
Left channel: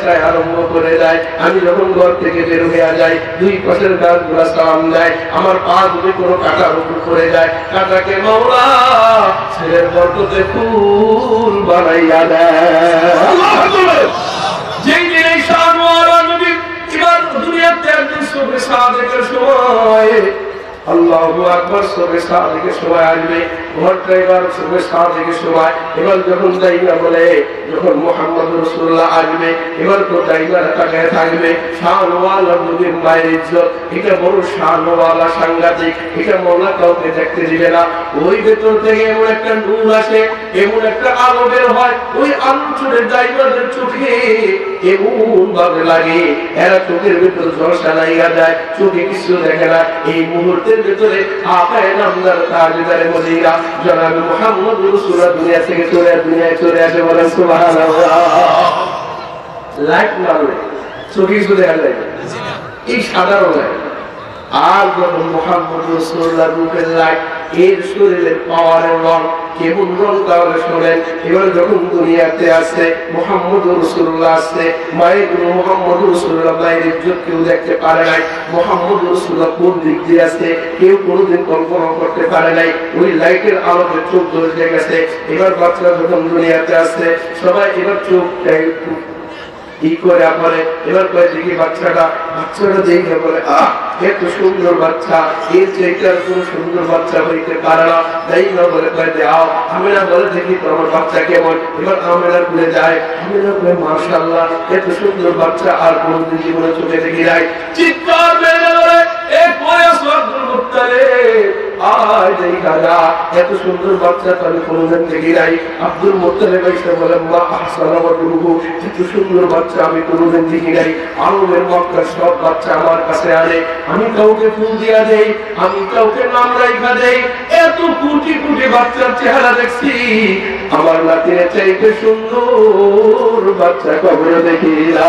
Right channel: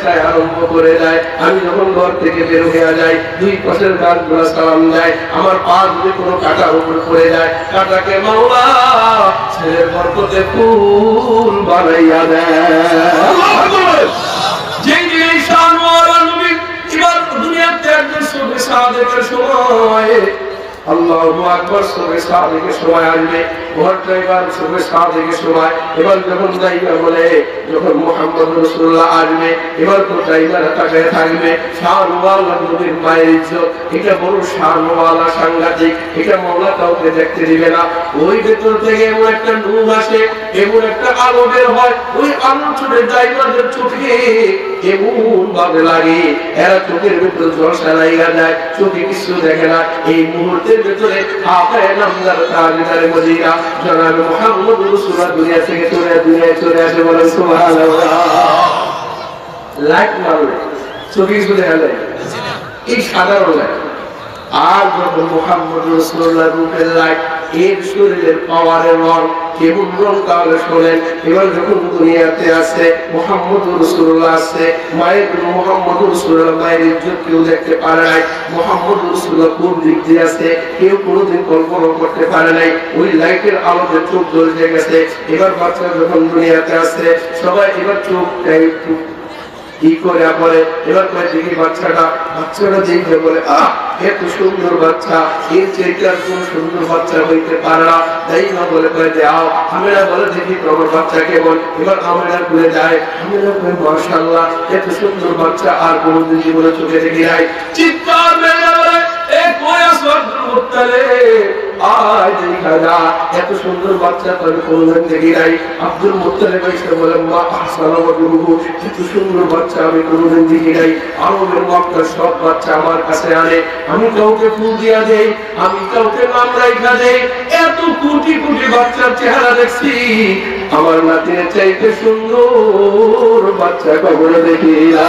ছায়া আরম্ভ করে দেয়। আমি যখন ঘর থেকে বের হয়ে যাই, দুই পাশের গাছগুলা সালাম দেয়। আমার পা যদি কোনো কাটার উপর পড়ে যায়, কাটাকে মাওলা ছেলের বরকতে ফুল বানাইয়া দেয়। যেই দিন এই শানওয়ালা নবী এবার দুনিয়াতে একজন সবে সাদেকের সময়, আল্লাহু আকবার, সবে সাদেকের সময় আসবে। ঘরটা এবার সবে সাদেকের সময়। এবার যখন যাইবা বলে, যখন মুহাম্মদ রাসূলুল্লাহ আসবে, এবার তো টাইগার তাকায় থাকবে। শানওয়ালা নবীর মায়ের ইজ্জত, এটা বড় শানওয়ালা, সাংঘাতিক। এটা মওলা কাউকে দেখতে দিবে না। ওই ভেতর থেকে এমন একটা নূর আসে, এমন একটা আলো বের হয়, ওই আলো ছুটে যাইবাদের চোখে এমন ভাবে লাগে, এরা চোখের ভেতর ঝলসা লাগিয়া যায়, চোখে কিছু দেখে না। এই মুহূর্তের ভেতরে আপায় নামদার তাজদারে মদিনা জনাব মুহাম্মদ রাসূলুল্লাহ দুনিয়া থেকে দুনিয়ায় চলে আসে। বলেন সুবহানাল্লাহ। লাইট মারবে, চোখে কিছু দেখা যায়, এই সাধারণ লাইট। আর যখন মুহাম্মদ রাসূলুল্লাহ রূপের লাইট, এর শরীরের পাওয়ারের রং কেমন রং তাহলে শোনেন। এবার যখন দুনিয়াতে আসে মুহাম্মদ রাসূলুল্লাহ আসছে, মায়ের গুলো মুহাম্মদ রাসূলুল্লাহ মায়ের ইজ্জত কেউ দেখতে পারে নাই। মুহাম্মদ রাসূলুল্লাহ কোন দিক দিয়ে আসছে কেউ কোনোদিন কল্পনা করতে পারে নাই। ওই লাইটের আলোতে চোখ ধরে গেছে। এবার বাচ্চা যখন দুনিয়াতে আসছে, সবাই এবার চোখ কি করে বলে, এবার কয়ে দেখি বাচ্চাটা দেখবে বলে, আহ এত সুন্দর বাচ্চা, এর চেয়ে আর কোন সুন্দর বাচ্চা হইতে পারে না। তাই না বলে কয়ে যাও, আমেনা বলে দেখি তো আমার বাচ্চা কেমন। এবার আমেনা বলে যায়, আমেনা কয়ে মাশাআল্লাহ, এত সুন্দর বাচ্চা আর কোনদিন জীবনে চোখে দেখি নাই। চিৎকার মেরে বলে, এক বয়স আব্দুল মুত্তালিব, আয় দেখা যা, এত সুন্দর বাচ্চা আমি কোনদিন দেখি নাই। আব্দুল মুত্তালিব এসে বলে, মা আহসানা ওয়াজহুহু, এত সুন্দর বাচ্চা আমি কোনদিন দেখি নাই। আরবের মক্কার সব বাচ্চা আমার কাছে আনে, আমি কাউকে ফুল দিয়া দেই, আমি কাউকে নাম রাইখা দেই। এত কোটি কোটি বাচ্চার চেহারা দেখছি, আমার নাতির চাইতে সুন্দর বাচ্চা কখনো দেখি না।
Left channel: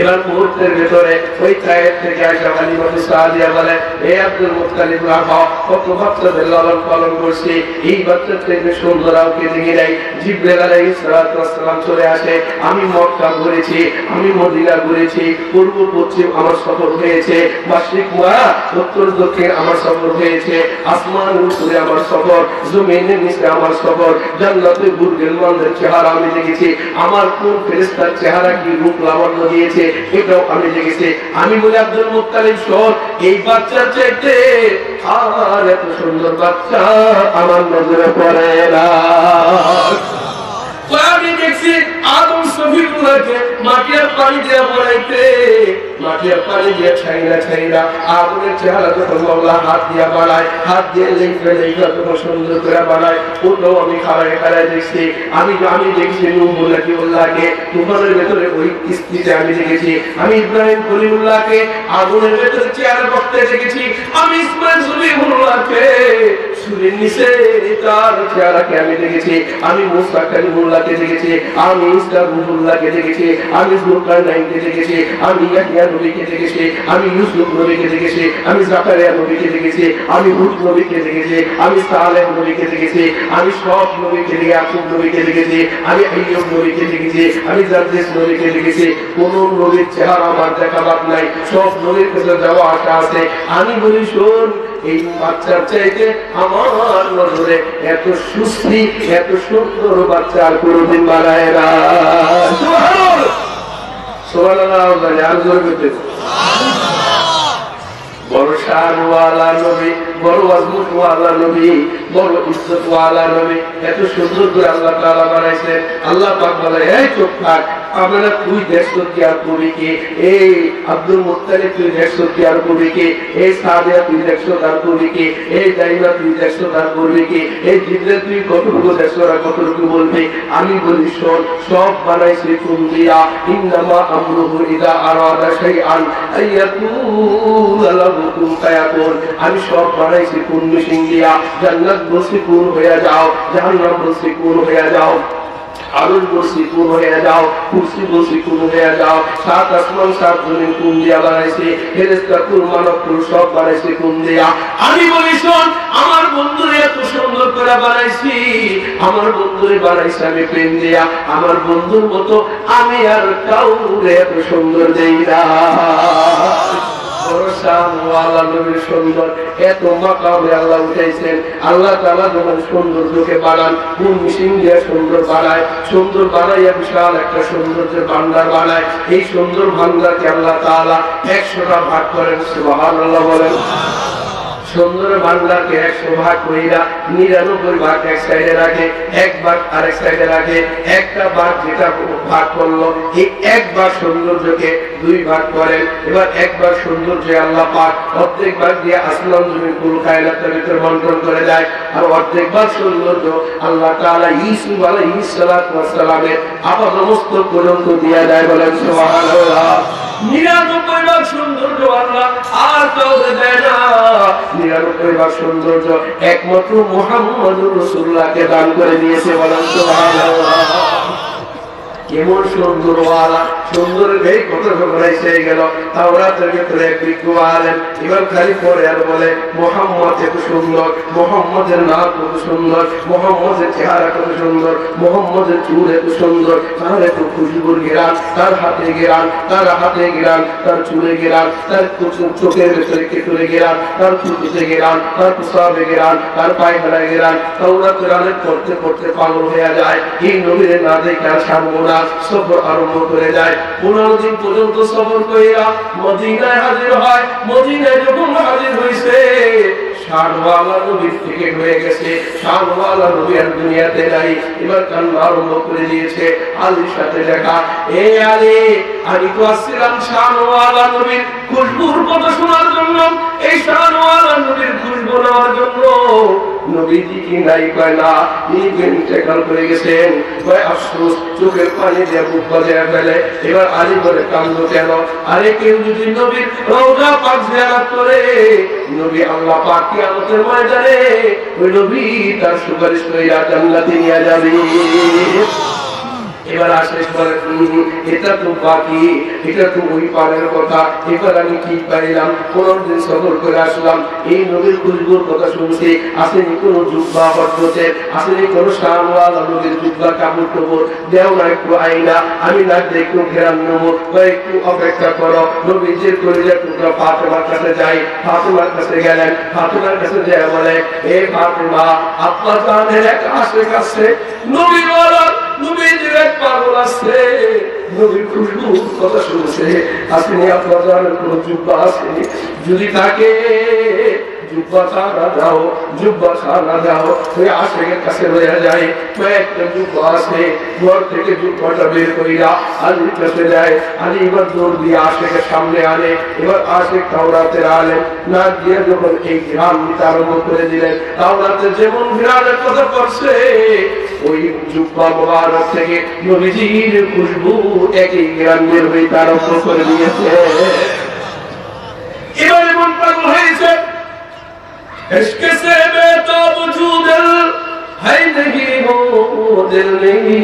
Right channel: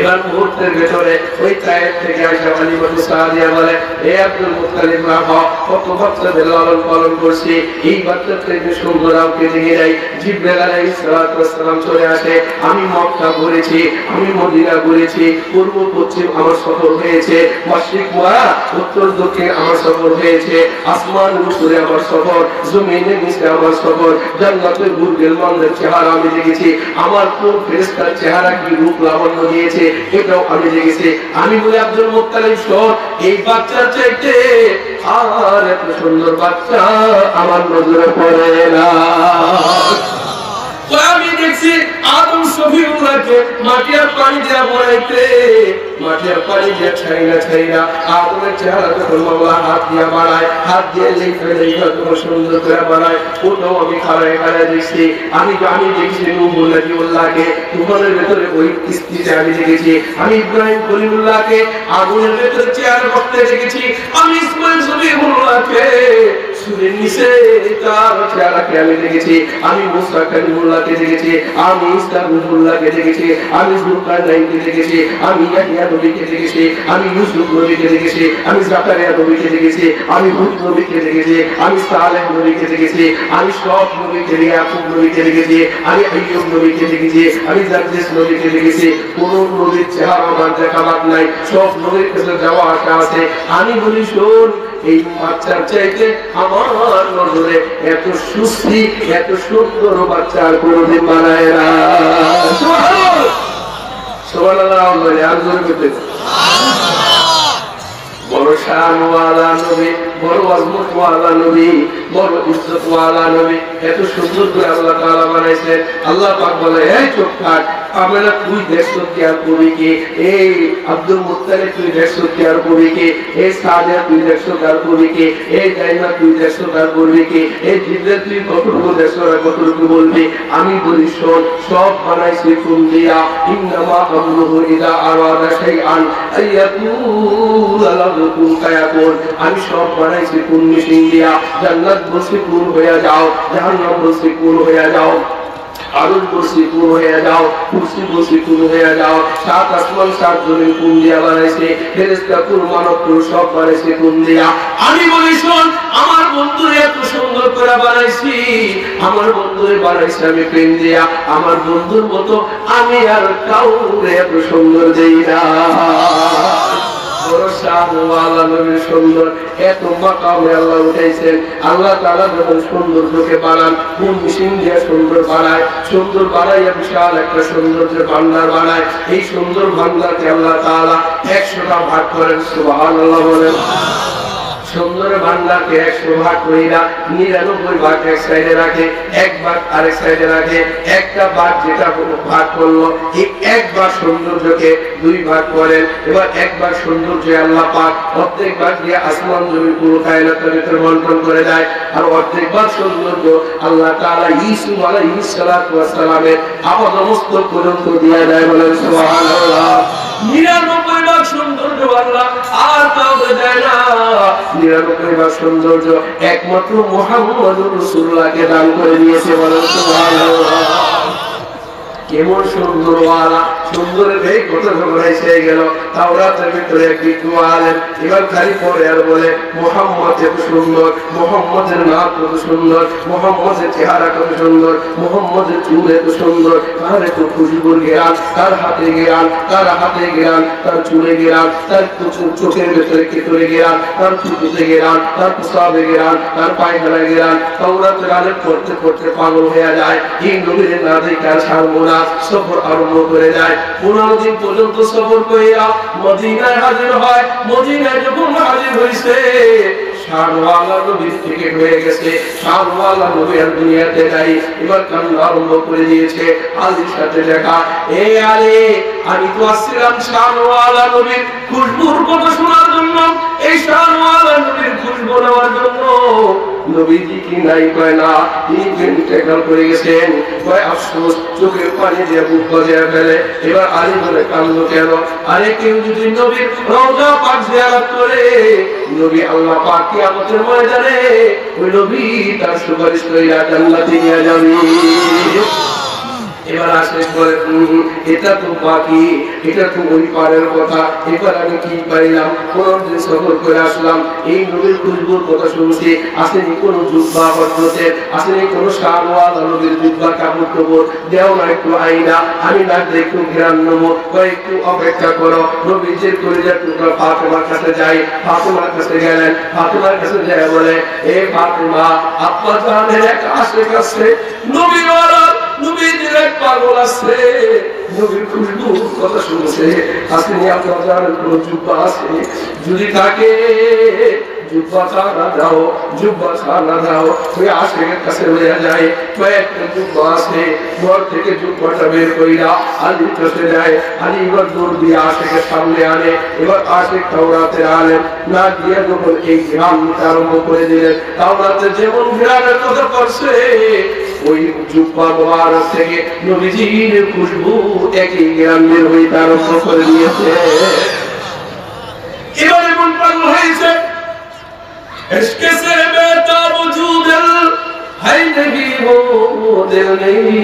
এবার মুহূর্তের ভেতরে ওই কায়ের থেকে আসা হালিমাতু সাদিয়া বলে, হে আব্দুল মুত্তালিব রাখো, কত বাচ্চাদের লালন পালন করছি, এই বাচ্চার থেকে সুন্দর আমাকে দেখে নাই। জিবরাইল আলাইহিস সালাতু ওয়াস সালাম চলে আসে। আমি মক্কা ঘুরেছি, আমি মদিনা ঘুরেছি, পূর্ব পশ্চিম আমার সফর হয়েছে, মাশরিক মারা উত্তর দক্ষিণ আমার সফর হয়েছে, আসমানের উপরে আমার সফর, জমিনের নিচে আমার সফর, জান্নাতের বুর্জের মানদের চেহারা আমি দেখেছি, আমার কোন ফেরেশতার চেহারা কি রূপ লাবণ্য দিয়েছে এটাও আমি দেখেছি। আমি বলি আব্দুল মুত্তালিব শোন, এই বাচ্চার চাইতে আর এত সুন্দর বাচ্চা আমার নজরে পড়ে না। আমি দেখছি আদম সফিউল্লাহকে মাটি আর পানি দিয়া বানাইতে, মাটি আর পানি দিয়া ছাইরা আদমের চেহারা যখন মাওলা হাত দিয়া বানায়, হাত দিয়ে লেখা যখন সুন্দর করে বানায়, ওটাও আমি খাড়ায় দেখছি। আমি দেখছি নূহুল্লাহকে তুফানের ভেতরে ওই কিস্তিতে আমি দেখেছি, আমি ইব্রাহিম খলিলুল্লাহকে আগুনের ভেতরে চেয়ার করতে দেখেছি, আমি ইসমাইল সলিহুল্লাহকে সুরের নিচে তার চেহারাকে আমি দেখেছি, আমি মুসা কালিমুল্লাহকে দেখেছি, আমি ইসা রুহুল্লাহকে দেখেছি, আমি যুলকারনাইনকে দেখেছি, আমি ইয়াহইয়া নবীকে দেখেছি, আমি ইউসুফ নবীকে দেখেছি, আমি জাকারিয়া নবীকে দেখেছি, আমি হুদ নবীকে দেখেছি, আমি সালেহ নবীকে দেখেছি, আমি সব নবীকে, ইয়াকুব নবীকে দেখেছি, আমি আইয়ুব নবীকে দেখেছি, আমি জাবরিস নবীকে দেখেছি। কোন নবীর চেহারা আমার দেখা বাদ নাই, সব নবীর কাছে যাওয়া আসা আছে। আমি বলি শোন, এই বাচ্চার চাইতে আমার নজরে এত সুস্থি, এত সুন্দর বাচ্চা আর কোনদিন বানায় না। বড় শানওয়ালা নবী, বড় আজমতওয়ালা নবী, বড় ইজ্জতওয়ালা নবী, এত সুন্দর করে আল্লাহ তাআলা বানাইছে। আল্লাহ পাক বলে, এই চুপ থাক, আমরা তুই দেখছো কি আর কবি কে, এই আব্দুল মুত্তালিব তুই দেখছো কি আর কবি কে, এই সাদিয়া তুই দেখছো কার কবি কে, এই দাইমা তুই দেখছো কার করবি কে, এই জিবরাইল তুই কতটুকু দেখছো আর কতটুকু বলবি। আমি বলি শোন, সব বানাইছে কোন দিয়া, ইন্নামা আমরুহু ইযা আরাদা শাইআন আইয়াকুলা লাহু কুন ফায়াকুন। আমি সব বানাইছি কোন মেশিন দিয়া, জান্নাত বসে কুন হয়ে যাও, জাহান্নাম বসে কুন হয়ে যাও, আরশ বসে কুন হয়ে যাও, কুরসি বসে কুন হয়ে যাও। সাত আসমান সাত জমিন কোন দিয়া বানাইছে, ফেরেশতা কুন মানব কুন সব বানাইছে কোন দিয়া। আমি বলি শোন, আমার বন্ধুরে এত সুন্দর করে বানাইছি, আমার বন্ধুরে বানাইছে আমি প্রেম দিয়া, আমার বন্ধুর মতো আমি আর কাউরে এত সুন্দর দেই না। সুন্দর এত মাকামে আল্লাহ উঠাইছেন। আল্লাহ তাআলা যখন সৌন্দর্যকে বানান, কোন মেশিন দিয়ে সুন্দর বানায়, সুন্দর বানাইয়া বিশাল একটা সৌন্দর্যের ভান্ডার বানায়। এই সুন্দর ভান্ডারকে আল্লাহ তাআলা 100টা ভাগ করেন, সুবহানাল্লাহ বলেন। সুন্দর ভান্ডারকে 100 ভাগ কইরা 99 ভাগ এক সাইডে রাখে, এক ভাগ আরেক সাইডে রাখে। একটা ভাগ যেটা ভাগ করলো, এই এক ভাগ সৌন্দর্যকে 2 ভাগ করেন। এবার এক ভাগ সৌন্দর্য আল্লাহ পাক অর্ধেক ভাগ দিয়ে আসমান জমিন পুরো কায়নাতের ভিতর বন্টন করে দেয়, আর অর্ধেক ভাগ সৌন্দর্য আল্লাহ তাআলা ইউসুফ আলাইহিস সালাতু ওয়াস সালামের আপাদমস্তক পর্যন্ত দিয়ে দেয়। বলেন সুবহানাল্লাহ। 99 ভাগ সৌন্দর্য আল্লাহ আর কাউকে দেয় না। 99 ভাগ সৌন্দর্য একমাত্র মুহাম্মদুর রাসূলুল্লাহকে দান করে দিয়েছে। বলেন সুবহানাল্লাহ। কেমন সুন্দর ওয়ালা, সুন্দরের এই কথা যখন এসে গেল, তাওরাতের ভিতরে এক বিজ্ঞ আলেম এবার খালি পড়ে আর বলে, মুহাম্মদ এত সুন্দর, মুহাম্মদের নাম কত সুন্দর, মুহাম্মদের চেহারা কত সুন্দর, মুহাম্মদের চুল এত সুন্দর, তার এত খুশবুর গেরান, তার হাতে গেরান, তার হাতে গেরান, তার চুলে গেরান, তার চোখের ভেতরে কেতরে গেরান, তার চুটিতে গেরান, তার প্রসাবে গেরান, তার পায়খানা গেরান। তাওরাতের আলেম পড়তে পড়তে পাগল হয়ে যায়। এই নবীর না দেখে আর ছাড়বো না, সফর আরম্ভ করে যায়। 15 দিন পর্যন্ত সফর কইরা মদিনায় হাজির হয়। মদিনায় যখন হাজির হইছে, শানওয়ালা নবীর টিকিট হয়ে গেছে, শানওয়ালা নবী আর দুনিয়াতে নাই। এবার কান্না আরম্ভ করে দিয়েছে। আলীর সাথে দেখা, এ আলী, আমি তো আসছিলাম শানওয়ালা নবীর খুশবুর কথা শোনার জন্য, এই শানওয়ালা নবীর খুশবু নেওয়ার জন্য। নবীজি কি নাই, কয় না, তিনি ইন্তেকাল করে গেছেন। কয় আফসোস, চোখের পানি দিয়ে বুক বাজিয়ে ফেলে। এবার আলী বলে, কান্দো কেন? আরে কেউ যদি নবীর রওজা পাক জিয়ারত করে, নবী আল্লাহ পাক কিয়ামতের ময়দানে ওই নবী তার সুপারিশ কইরা জান্নাতে নিয়ে যাবে। এবার আসে বলে, এটা তো বাকি, এটা তো ওই পারের কথা। এবার আমি কি পাইলাম, 15 দিন সফর করে আসলাম, এই নবীর খুশবুর কথা শুনছি। আসেনি কোন জুব্বা হজরতে, আসেনি কোন শানওয়ালা নবীর জুব্বা কাপড় টাপড় দেও না, একটু আইনা আমি না একটু ঘেরান নেবো, বা একটু অপেক্ষা করো। নবীজির কলিজার টুকরা ফাতেমার কাছে যাই। ফাতেমার কাছে গেলেন, ফাতেমার কাছে যায় বলে, এ ফাতেমা, আব্বা জানের এক আশেক আছে, নবীওয়ালা নবীজির এক পাগল আছে, নবীর খুশবুর কথা শুনছে। আসেনি আপনার জানের কোন জুব্বা আসেনি, যদি থাকে জুব্বা খানা দাও, জুব্বা খানা দাও। তুই আশেকের কাছে লইয়া যায়, কয়েকটা জুব্বা আছে, ঘর থেকে জুব্বাটা বের কইরা আলীর কাছে যায়। আলী এবার দৌড় দিয়ে আশেকের সামনে আনে। এবার আশেক তাওরাতের আলেম না দিয়ে যখন এই গ্রাম নিতে আরম্ভ করে দিলেন, তাওরাতে যেমন গ্রামের কথা করছে, ওই জুব্বা মোবারক থেকে নবীজির খুশবু একই গ্রাম বের হইতে আরম্ভ করে দিয়েছে। এবার এমন পাগল হয়েছে, इश्क से बेताब जो दिल है नहीं वो दिल नहीं,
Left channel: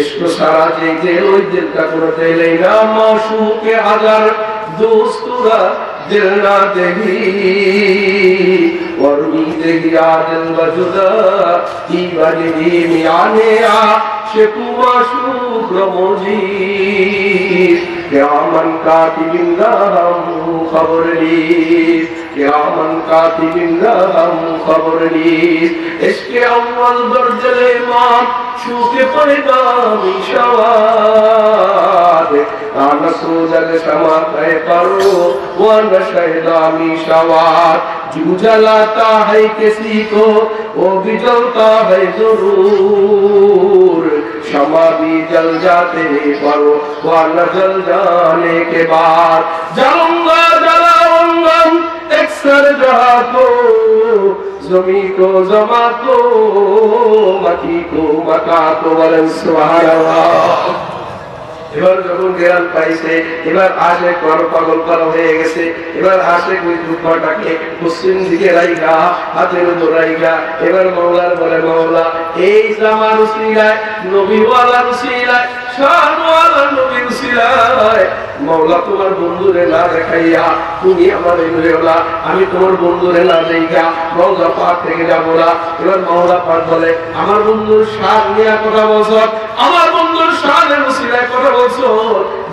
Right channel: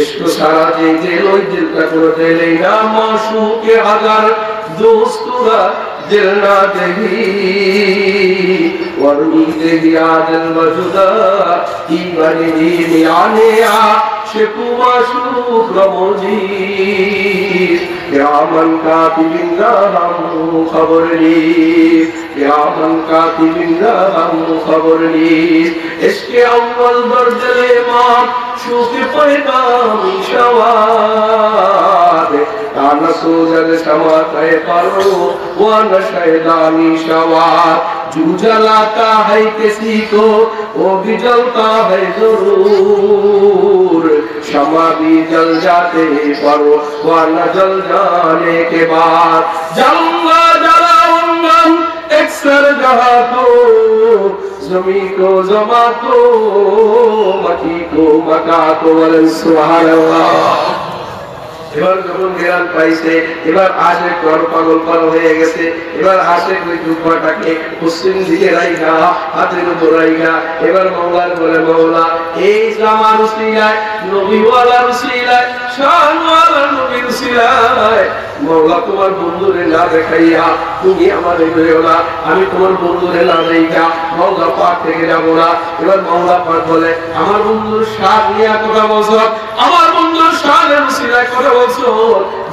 इश्क सारा देखे वो दिल का कोई दिल ना, माशूक अगर दोस्तुरा दिल ना देगी, वरनी देगिया दिल वजुदा इबनी मियाने आ शेकु माशूक रमोजी, या मन कातिबिन हम खबर ली, या मन कातिबिन हम खबर ली। इसके अव्वल दर्द ईमान शूके पैगाम शवाद, आना सोजल समाते परो वो नशेदानी शवाद। जो जलाता है किसी को वो भी जलता है जरूर, शमा भी जल जाते पर वो न जल जाने के बाद जलूंगा जलाऊंगा एक सर जहा तो जमी को जमा तो मकी को मका तो वलन सुभान अल्लाह। এবার যখন গেলাম পাইছে এবার আসে কর পাগল পাগল হয়ে গেছে এবার আসে ওই দুপাটাকে পশ্চিম দিকে রাইগা হাতের উপর রাইগা এবার মাওলার বলে মাওলা এই জামার উসিলায় নবীওয়ালার উসিলায় শাহওয়ালার নবীর উসিলায় মাওলা তোমার বন্ধুরে না দেখাইয়া তুমি আমার হইও না আমি তোমার বন্ধুরে না দেখাইয়া মাওলা পাক থেকে যাব না। এবার মাওলা পাক বলে আমার বন্ধুর শান নিয়ে কথা বলছ আমার বন্ধুর শানের উসিলায় কথা বলছো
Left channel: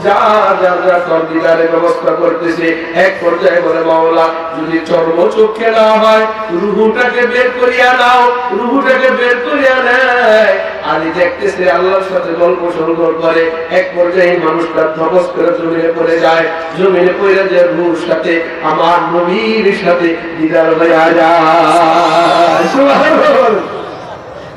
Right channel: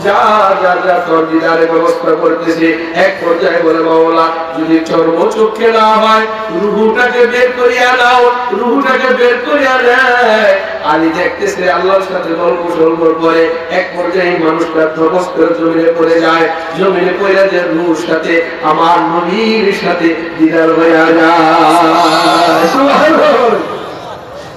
যা যা যা তোর দিদারে ব্যবস্থা করতেছে। এক পর্যায়ে বলে মাওলা যদি চর্ম চোখে না হয় রুহুটাকে বের করিয়া নাও রুহুটাকে বের করিয়া নেয় আলী দেখতেছে আল্লাহর সাথে গল্প সল্প করে এক পর্যায়ে মানুষটা ধবস করে জমিনে পড়ে যায় জমিনে পড়ে যে রুহুর সাথে আমার নবীর সাথে দিদার হয়ে যায়। সুবহানাল্লাহ।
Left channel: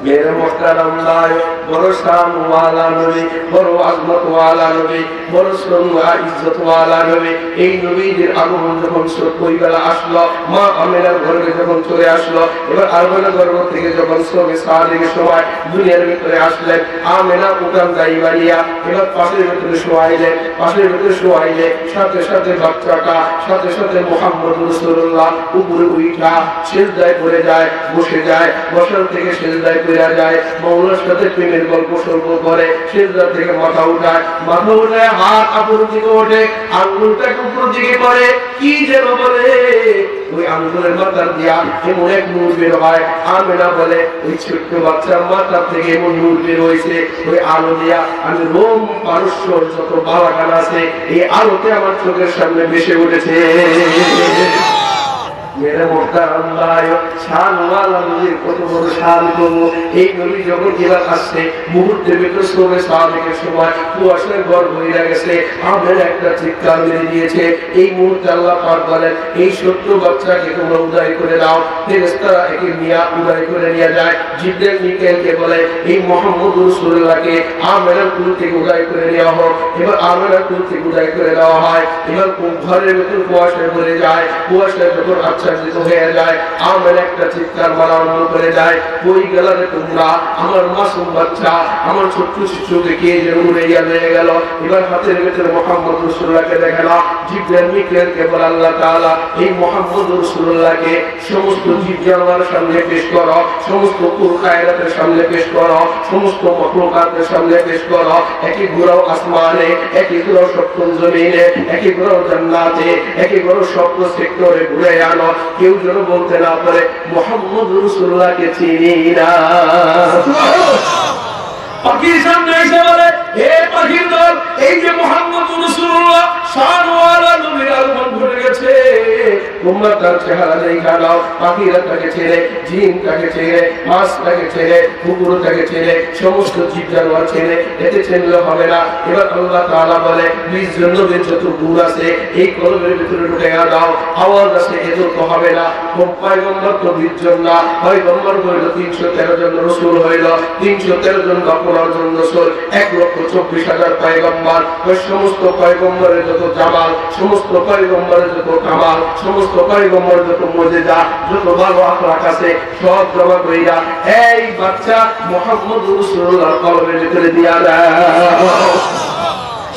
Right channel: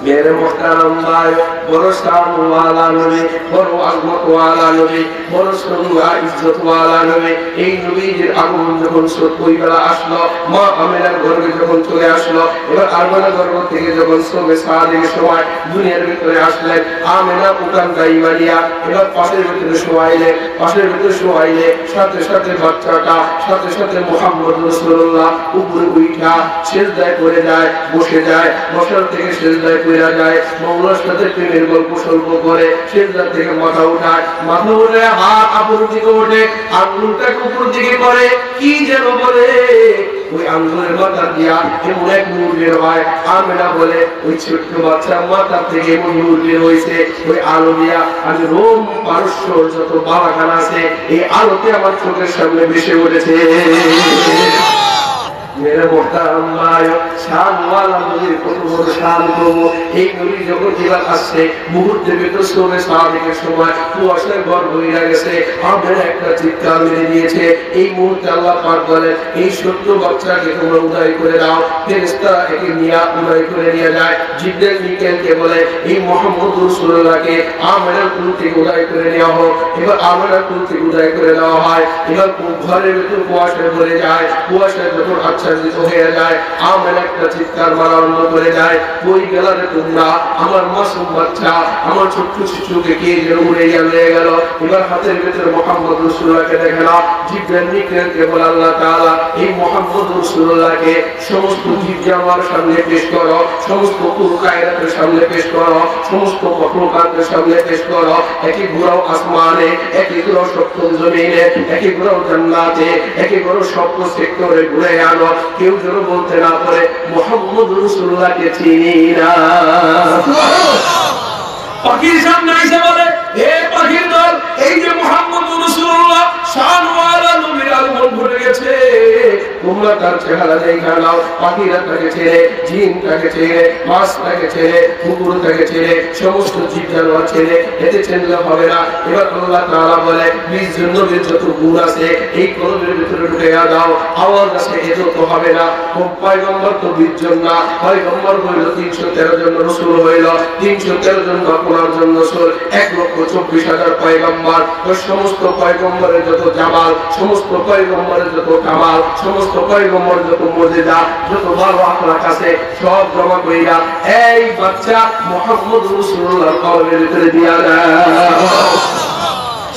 मेरे मोहतरम भाई बड़ो शान वाला नबी बड़ो अजमत वाला नबी बड़ो सम्मान इज्जत वाला नबी এই নবীর আগমন যখন সত্যিকারা আসলো মা আমেনার ঘরে যখন চলে আসলো এবার আরমানা গর্ভ থেকে যখন সবে সাদিক সময় দুনিয়ার ভিতরে আসলেন আমেনা উঠান দাই মারিয়া এবার পাশের ভিতরে শোয়াইলে সাথে সাথে বাচ্চাটা সাথে সাথে মুহাম্মদ রাসূলুল্লাহ উপরে উঠা সিজদায় পড়ে যায় বসে যায় বসার থেকে সিজদায় পড়ে যায় মাওলার সাথে প্রেমের গল্প সল্প করে সিজদা থেকে মাথা উঠায় মাথা উঠে হাত আপুর দিকে ওঠে আঙ্গুলটাকে উপর দিকে করে কি যেন বলে ওই আঙ্গুলের মাথা দিয়া এমন এক নূর বের হয় আমেনা বলে ওই ছোট্ট বাচ্চা মাথা থেকে এমন নূর বের হয়েছে ওই আলো দিয়া আমি রোম পারস্য যত বালাখান আছে এই আলোতে আমার চোখের সামনে ভেসে উঠেছে। मेरे मोहतरम भाई शान वाला नबी কত বড় শান করব এই নবী যখন জিলাত আসছে মুহূর্তের ভিতর সোমে সাদিকের সময় কুয়াশায় ভর হয়ে গেছে আমাদের একটা চিৎকার মেরে দিয়েছে এই মুহূর্তে আল্লাহ পাক বলেন এই ছোট্ট বাচ্চাকে তোমরা উদয় করে দাও ফেরেশতারা একে নিয়ে উদয় করে নিয়ে যায় জিবরাইল মিকাইলকে বলে এই মুহাম্মদ রাসূলুল্লাহকে আমেনার কুল থেকে উদয় করে নেওয়া হোক। এবার আমেনার কুল থেকে উদয় করে দেওয়া হয় এবার ঘরের ভিতর কুয়াশায় ভরে যায় কুয়াশায় যখন আচ্ছাদিত হয়ে যায় আমার একটা চিৎকার আরম্ভ করে যায় বই গেলারে তোমরা আমার মাসুম বাচ্চা আমার ছোট্ট শিশুকে কে যে উড়ে নিয়ে গেল। এবার হাতের ভেতরে মুহাম্মদ রাসূলুল্লাহকে দেখে না জিবরাইল মিকাইলকে বলে আল্লাহ তাআলা এই মুহাম্মদ রাসূলুল্লাহকে সমস্ত জীব জানোয়ারের সামনে পেশ করো সমস্ত কায়নাতের সামনে পেশ করো সমস্ত মখলুকাতের সামনে পেশ করো একই ঘোরাও আসমানে একই ঘোরাও সপ্তম জমিনে একই ঘোরাও জান্নাতে একই ঘোরাও সপ্ত সেক্টরে ঘুরে আনো কেউ যেন বলতে না পারে মুহাম্মদ রাসূলুল্লাহকে চিনি না। পাখির সামনে এসে বলে হে পাখির দল এই যে মুহাম্মদ রাসূলুল্লাহ শানওয়ালা নবীর আগমন ঘটে গেছে তোমরা তার চেহারা দেখা নাও। পাখিরা তাকে ছেড়ে জিনটাকে ছেড়ে মাছটাকে ছেড়ে কুকুরটাকে ছেড়ে সমস্ত জীব জানোয়ার ছেড়ে এতে চিনলে হবে না। এবার আল্লাহ তাআলা বলে 20 জন নবীর যত গুণ আছে এই কলমের ভিতরে ঢুকে দাও আওয়াজ আছে এত তো হবে না। পয়গম্বর তো 20 জন না পয়গম্বর হইল 313 জন রাসূল হইল 313 জন বাপনার জন্য রাসূল 1,24,000 পয়গম্বর সমস্ত পয়গম্বরের যত জামাল সমস্ত পয়গম্বরের যত কামাল সমস্ত পয়গম্বর যত মুজিজা যত ভালো আখলাক আছে সব জমা কইরা এই বাচ্চা মুহাম্মদ রাসূলুল্লাহর কলমের ভিতরে দিয়া দাও।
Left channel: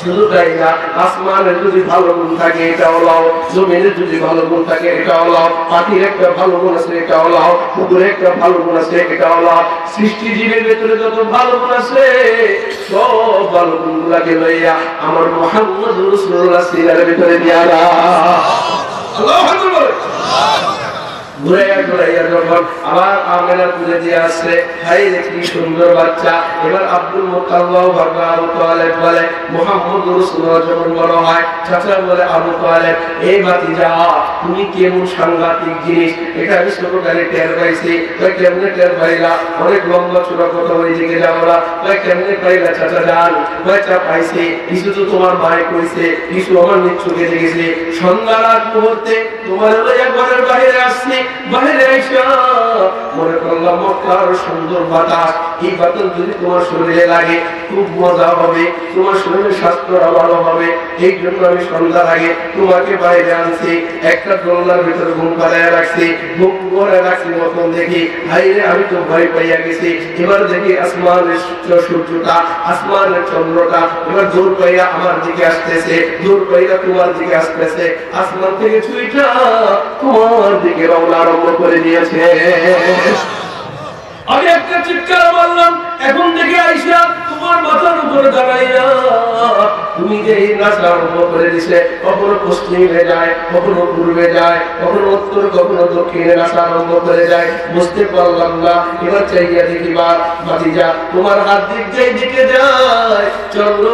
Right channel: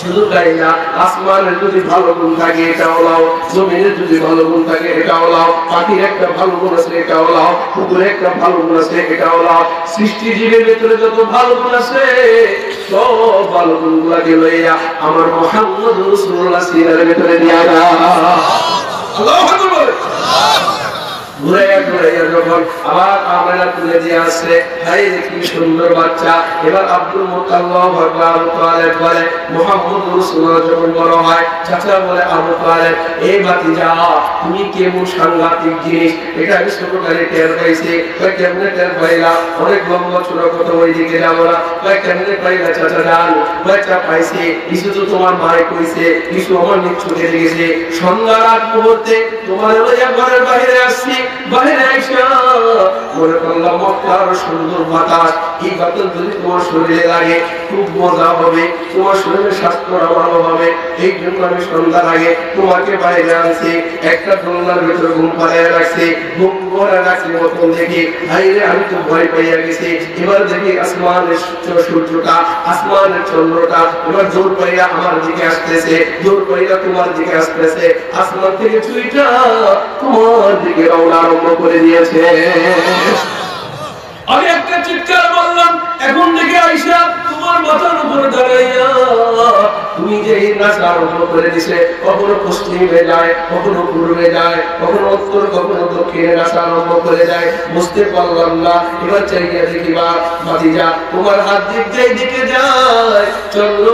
শুধু তাই না আসমানের যদি ভালো গুণ থাকে এটাও লাও জমিনের যদি ভালো গুণ থাকে এটাও লাও পাখির একটা ভালো গুণ আছে এটাও লাও কুকুরের একটা ভালো গুণ আছে এটাও লাও সৃষ্টি জীবের ভেতরে যত ভালো গুণ আছে সব ভালো গুণগুলোকে লইয়া আমার মুহাম্মদ রাসূলুল্লাহ সিরাতের ভিতরে দিয়া দাও। আল্লাহু আকবার। ঘুরাইয়া ঘুরাইয়া যখন আবার আমেনা তুলে দিয়ে আসছে হাই দেখি সুন্দর বাচ্চা। এবার আব্দুল মুত্তালিব আবু তালেব বলে মুহাম্মদ রাসূলুল্লাহ যখন বড় হয় চাচা বলে আবু তালেব এই ভাতিজা তুমি কেমন সাংঘাতিক জিনিস এটা আমি ছোটকালে টের পাইছি তাই কেমনে টের পাইলা অনেক লম্বা ছোট কথা ওই দিকে যাবো না তাই কেমনে পাইলা চাচা জান বাচ্চা পাইছে কিছু তো তোমার মায়ে কইছে কিছু আমার নিচ্ছুকে দেখেছে সন্ধ্যার আগ মুহূর্তে তোমার লইয়া ঘরের বাইরে আসছি বাইরে এসে মনে করলাম মক্কার সুন্দর বাতাস, এই বাতাস যদি তোমার শরীরে লাগে খুব মজা হবে, তোমার শরীরের স্বাস্থ্যটা ভালো হবে। এই জন্য আমি সন্ধ্যার আগে তোমাকে বাইরে আনছি, একটা দোলনার ভিতরে ঘুম পাড়াইয়া রাখছি, ঘুম করে রাখছি মতন দেখি হাইরে আমি তো ভয় পাইয়া গেছি। এবার দেখি আসমানের সূর্যটা, আসমানের চন্দ্রটা এবার জোর পাইয়া আমার দিকে আসতেছে, জোর পাইয়া তোমার দিকে আসতেছে, আসমান থেকে চুইটা তোমার দিকে রওনা আরম্ভ করে দিয়েছে। আমি একটা চিৎকার মারলাম, এখন থেকে আইসা তোমার মাথার উপরে দাঁড়াইয়া তুমি যে এই নাচা আরম্ভ করে দিছে, কখনো পশ্চিমে যায়, কখনো পূর্বে যায়, কখনো উত্তর, কখনো দক্ষিণে নাচা আরম্ভ করে যায়, বুঝতে পারলাম না। এবার চাইয়া দেখিবা ভাতিজা তোমার হাত দিক যেই দিকে যায় চন্দ্র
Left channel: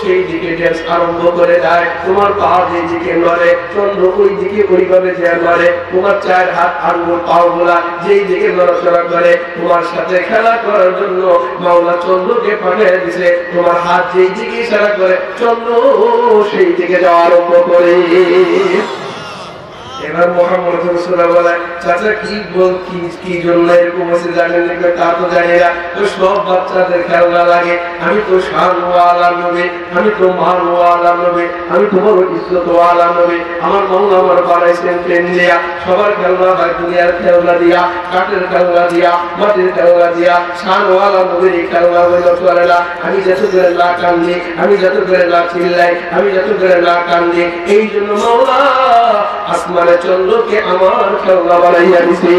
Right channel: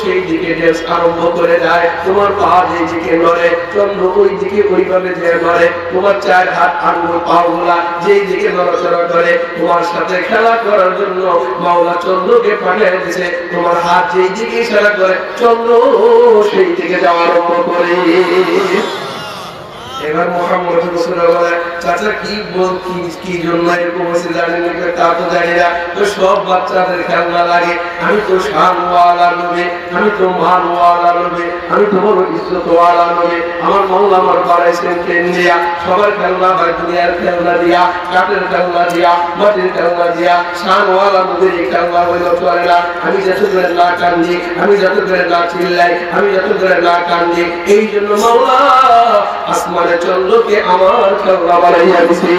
সেই দিকে ড্যান্স আরম্ভ করে দেয়, তোমার পা যেই দিকে নড়ে চন্দ্র ওই দিকে ওইভাবে যে নড়ে, তোমার চার হাত আঙ্গুল পাও গুলা যেই দিকে নড়াচড়া করে তোমার সাথে খেলা করার জন্য মাওলা চন্দ্রকে পাঠিয়ে দিছে। তোমার হাত যেই দিকে ইশারা করে চন্দ্র সেই দিকে যাওয়া আরম্ভ করে। এবার মোহাম্মদ রাসূলুল্লাহ বলে চাচা কি জন্য এরকম হয়েছে জানেন না? তা তো জানি না, তো সব বাচ্চাদের খেলনা লাগে, আমি তো শানওয়ালা নবী, আমি তো মানওয়ালা নবী, আমি তো বড় ইজ্জতওয়ালা নবী, আমার মাওলা আমার বানাইছেন ট্রেন দিয়া, সবার খেলনা হয় দুনিয়ার খেলনা দিয়া, কাঠের খেলনা দিয়া, মাটির খেলনা দিয়া, শানওয়ালা নবীর খেলনা হইল চলে না। আমি যত করে না কান্দি, আমি যত করে না চিল্লাই, আমি যত করে না কান্দি, এই জন্য মাওলা আসমানে চন্দ্রকে আমার খেলনা বানাইয়া দিছে।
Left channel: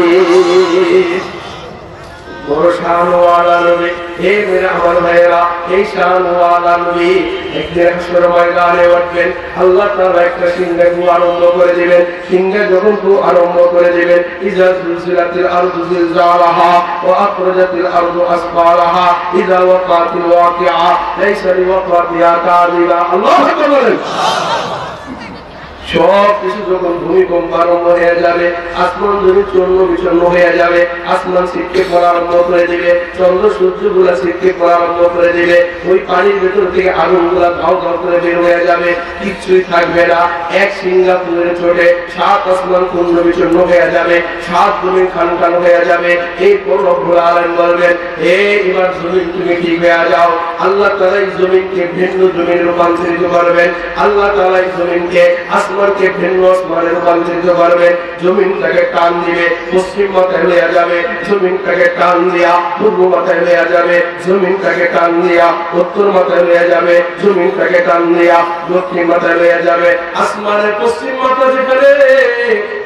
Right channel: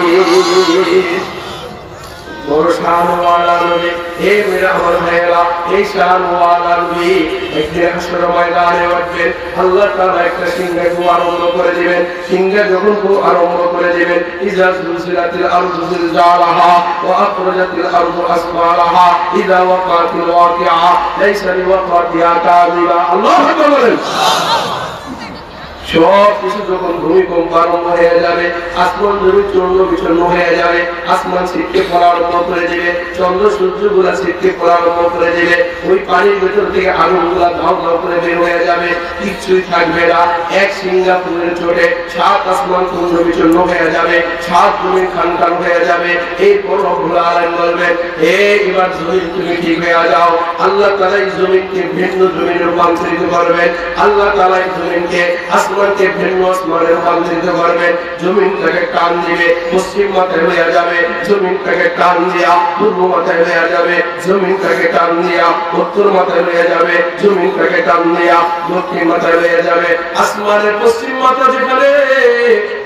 বড় শানওয়ালা নবী, হে মেরা আমার ভাইয়েরা, এই শানওয়ালা নবী একদিন হাসরের ময়দানে উঠবেন, আল্লাহ তাআলা একটা সিংহা গু আরম্ভ করে দিবেন। সিংহা যখন গু আরম্ভ করে দিবেন, ইজা জুলজিলাতিল আরদু জিলজালাহা ওয়া আখরাজাতিল আরদু আসফালাহা ইজা ওয়াকাতিল ওয়াকিআ লাইসা লিওয়াকাতিহা কাযিবা। আল্লাহু আকবার বলেন। সব কিছু যখন ভূমিকম্প আরম্ভ হয়ে যাবে, আসমান যদি চন্দ্র বিচ্ছন্ন হয়ে যাবে, আসমান ছিটকে পড়া আরম্ভ করে দিবে, চন্দ্র সূর্য গুলা ছিটকে পড়া আরম্ভ করে দিবে, ওই পানির ভেতর থেকে আগুন গুলা ধাও ধাও করে বের হয়ে যাবে, কিচ্ছুই থাকবে না। এক সিঙ্গাপুরের চোটে সাত আসমান চন্দ্র বিচ্ছন্ন হয়ে যাবে, সাত জমিন খান খান হয়ে যাবে। এই পর রব্বুল আলামিন বলবেন, হে এবার জমিন তুমি ঠিক হয়ে যাও। আল্লাহ তাআলা এই জমিনকে ভিন্ন জমিনে রূপান্তরিত করবেন, আল্লাহ তাআলা এই জমিনকে আসমানকে ভিন্ন আসমানে রূপান্তরিত করবেন। জমিনটাকে টান দিবে, পশ্চিম মাথায় হয়ে যাবে, জমিনটাকে টান দিয়া পূর্ব মাথায় হয়ে যাবে, জমিনটাকে টান দিয়া উত্তর মাথায় হয়ে যাবে, জমিনটাকে টান দিয়া দক্ষিণ মাথায় হয়ে যাবে। আসমানের পশ্চিম মাথা যেখানে,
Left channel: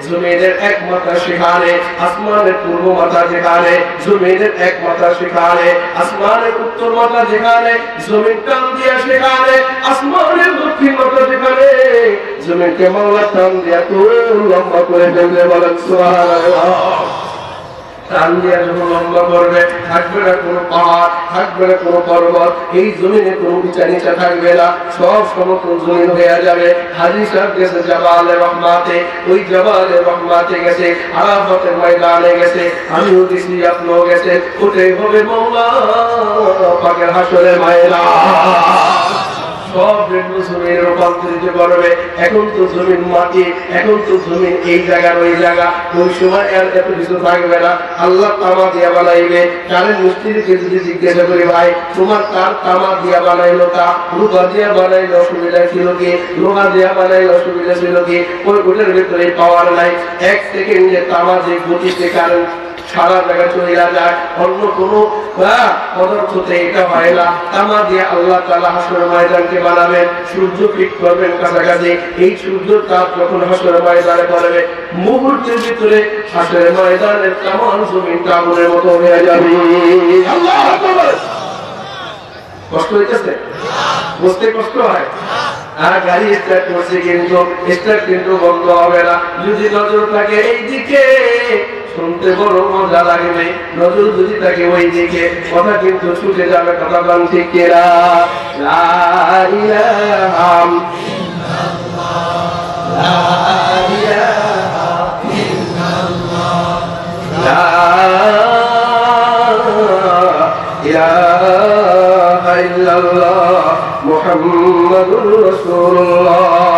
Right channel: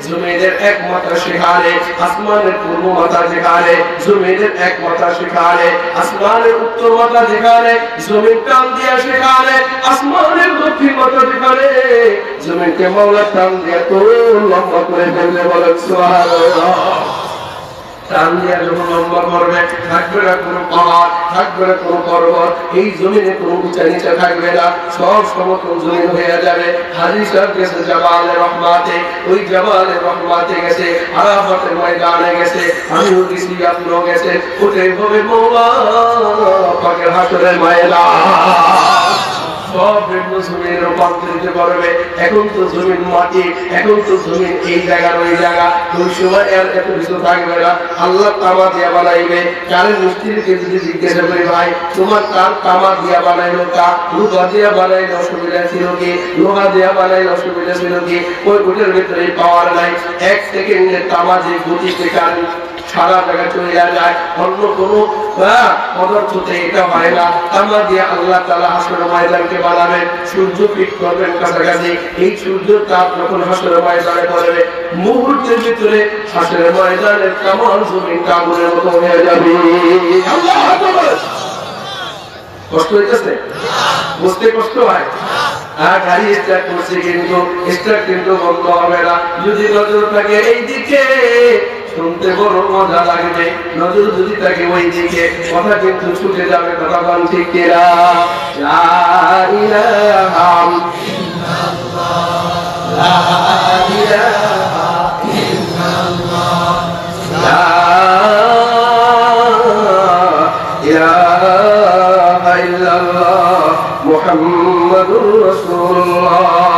জমিনের এক মাথা সেখানে, আসমানের পূর্ব মাথা যেখানে, জমিনের এক মাথা সেখানে, আসমানের উত্তর মাথা যেখানে, জমিন টান দিয়া সেখানে, আসমানের দক্ষিণ মাথা যেখানে, জমিনকে মাওলা টান দিয়া তো লম্বা করে ফেলবে। বলেন সুবহানাল্লাহ। টান দিয়া যখন লম্বা করবে, থাকবে না কোনো পাহাড়, থাকবে না কোনো পর্বত, এই জমিনে কোনো উঁচা নিচা থাকবে না, সব সমতল জমিন হয়ে যাবে। হাজী সাহেব গেছে জাবালে রহমাতে, ওই জাবালে রহমাতে গেছে, আরাফাতের ময়দানে গেছে, আমিও গেছি, আপনিও গেছে, ওটাই হবে মওলা পাকের হাসরের ময়দান। সব ভিন্ন জমিন রূপান্তরিত করবে। এখন তো জমিন মাটি, এখন তো জমিন এই জায়গার ওই জায়গা, ওই সময় এত কিছু থাকবে না। আল্লাহ তামা দিয়া বানাইবে। কারেন্ট মিস্ত্রিকে যদি জিজ্ঞাসা করি, ভাই তোমার কার তামা দিয়া বানাইলো, তা লোহা দিয়া বানাইলে অসুবিধা ছিল কি, লোহা দিয়া বানাইলে অসুবিধা ছিল কি? ওই ওটার ভিতরে পাওয়ার নাই, এক সেকেন্ডে তামা যে গতিতে কারেন্ট সারা জায়গায় চলে যায়, অন্য কোনো পদার্থতে এটা হয় না। তামা দিয়ে আল্লাহ তাআলা হাসরের ময়দানকে বানাবেন, সূর্য ফিট করবেন কাছাকাছি। এই সূর্যের তাপ যখন হাসরের ময়দানে পড়বে, মুহূর্তের ভিতরে হাসরের ময়দানের তামাম জমিন আগুনের মতো হয়ে যাবে। আল্লাহু আকবার। কষ্ট হইতেছে? বুঝতে কষ্ট হয়? আর গাড়ি স্টার্ট করছে কিন্তু স্টার্ট কিন্তু বন্ধ হবে না। যদি নজর থাকে এই দিকে শুনতে বড় মজা লাগবে, নজর যদি থাকে ওই দিকে কথা কিন্তু ছুটে যাবে। কথা বল ঠিক কিনা? লা ইলাহা ইল্লাল্লাহ, লা ইলাহা ইল্লাল্লাহ, লা ইলাহা ইল্লাল্লাহ মুহাম্মাদুর রাসূলুল্লাহ।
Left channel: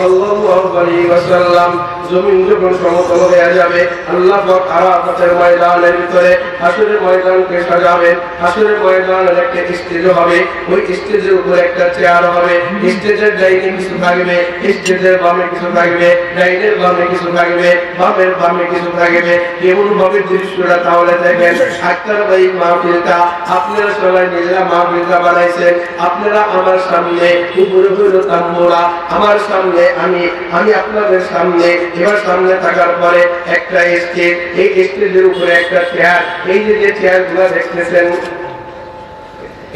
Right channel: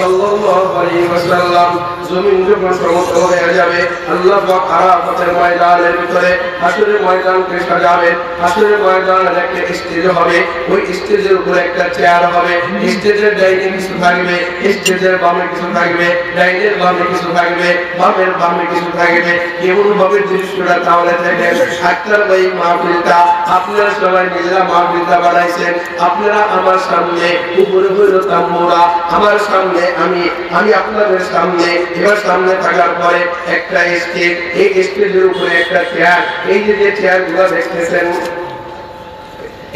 সাল্লাল্লাহু আলাইহি ওয়াসাল্লাম জমিন যখন সমতল হয়ে যাবে আল্লাহ পাক আরাফাতের ময়দানের ভিতরে হাসরের ময়দানকে সাজাবেন। হাসরের ময়দানের একটা স্টেজ হবে, ওই স্টেজের উপর একটা চেয়ার হবে। স্টেজের ডাইনে কিছু থাকবে, স্টেজের বামে কিছু থাকবে, ডাইনের বামে কিছু থাকবে, বামের বামে কিছু থাকবে। এমন ভাবে দৃশ্যটা তাহলে দেখেন আক্তার ভাই মাহফিলটা আপনারা সবাই নিজেরা মাহফিলটা বানাইছেন। আপনারা আমার সামনে উপরে হইল তাম্বুরা, আমার সামনে আমি আপনাদের সামনে। এবার সামনে থাকার পরে একটা স্টেজ, এই স্টেজের উপরে একটা চেয়ার। এই যে চেয়ার গুলা দেখতেছেন,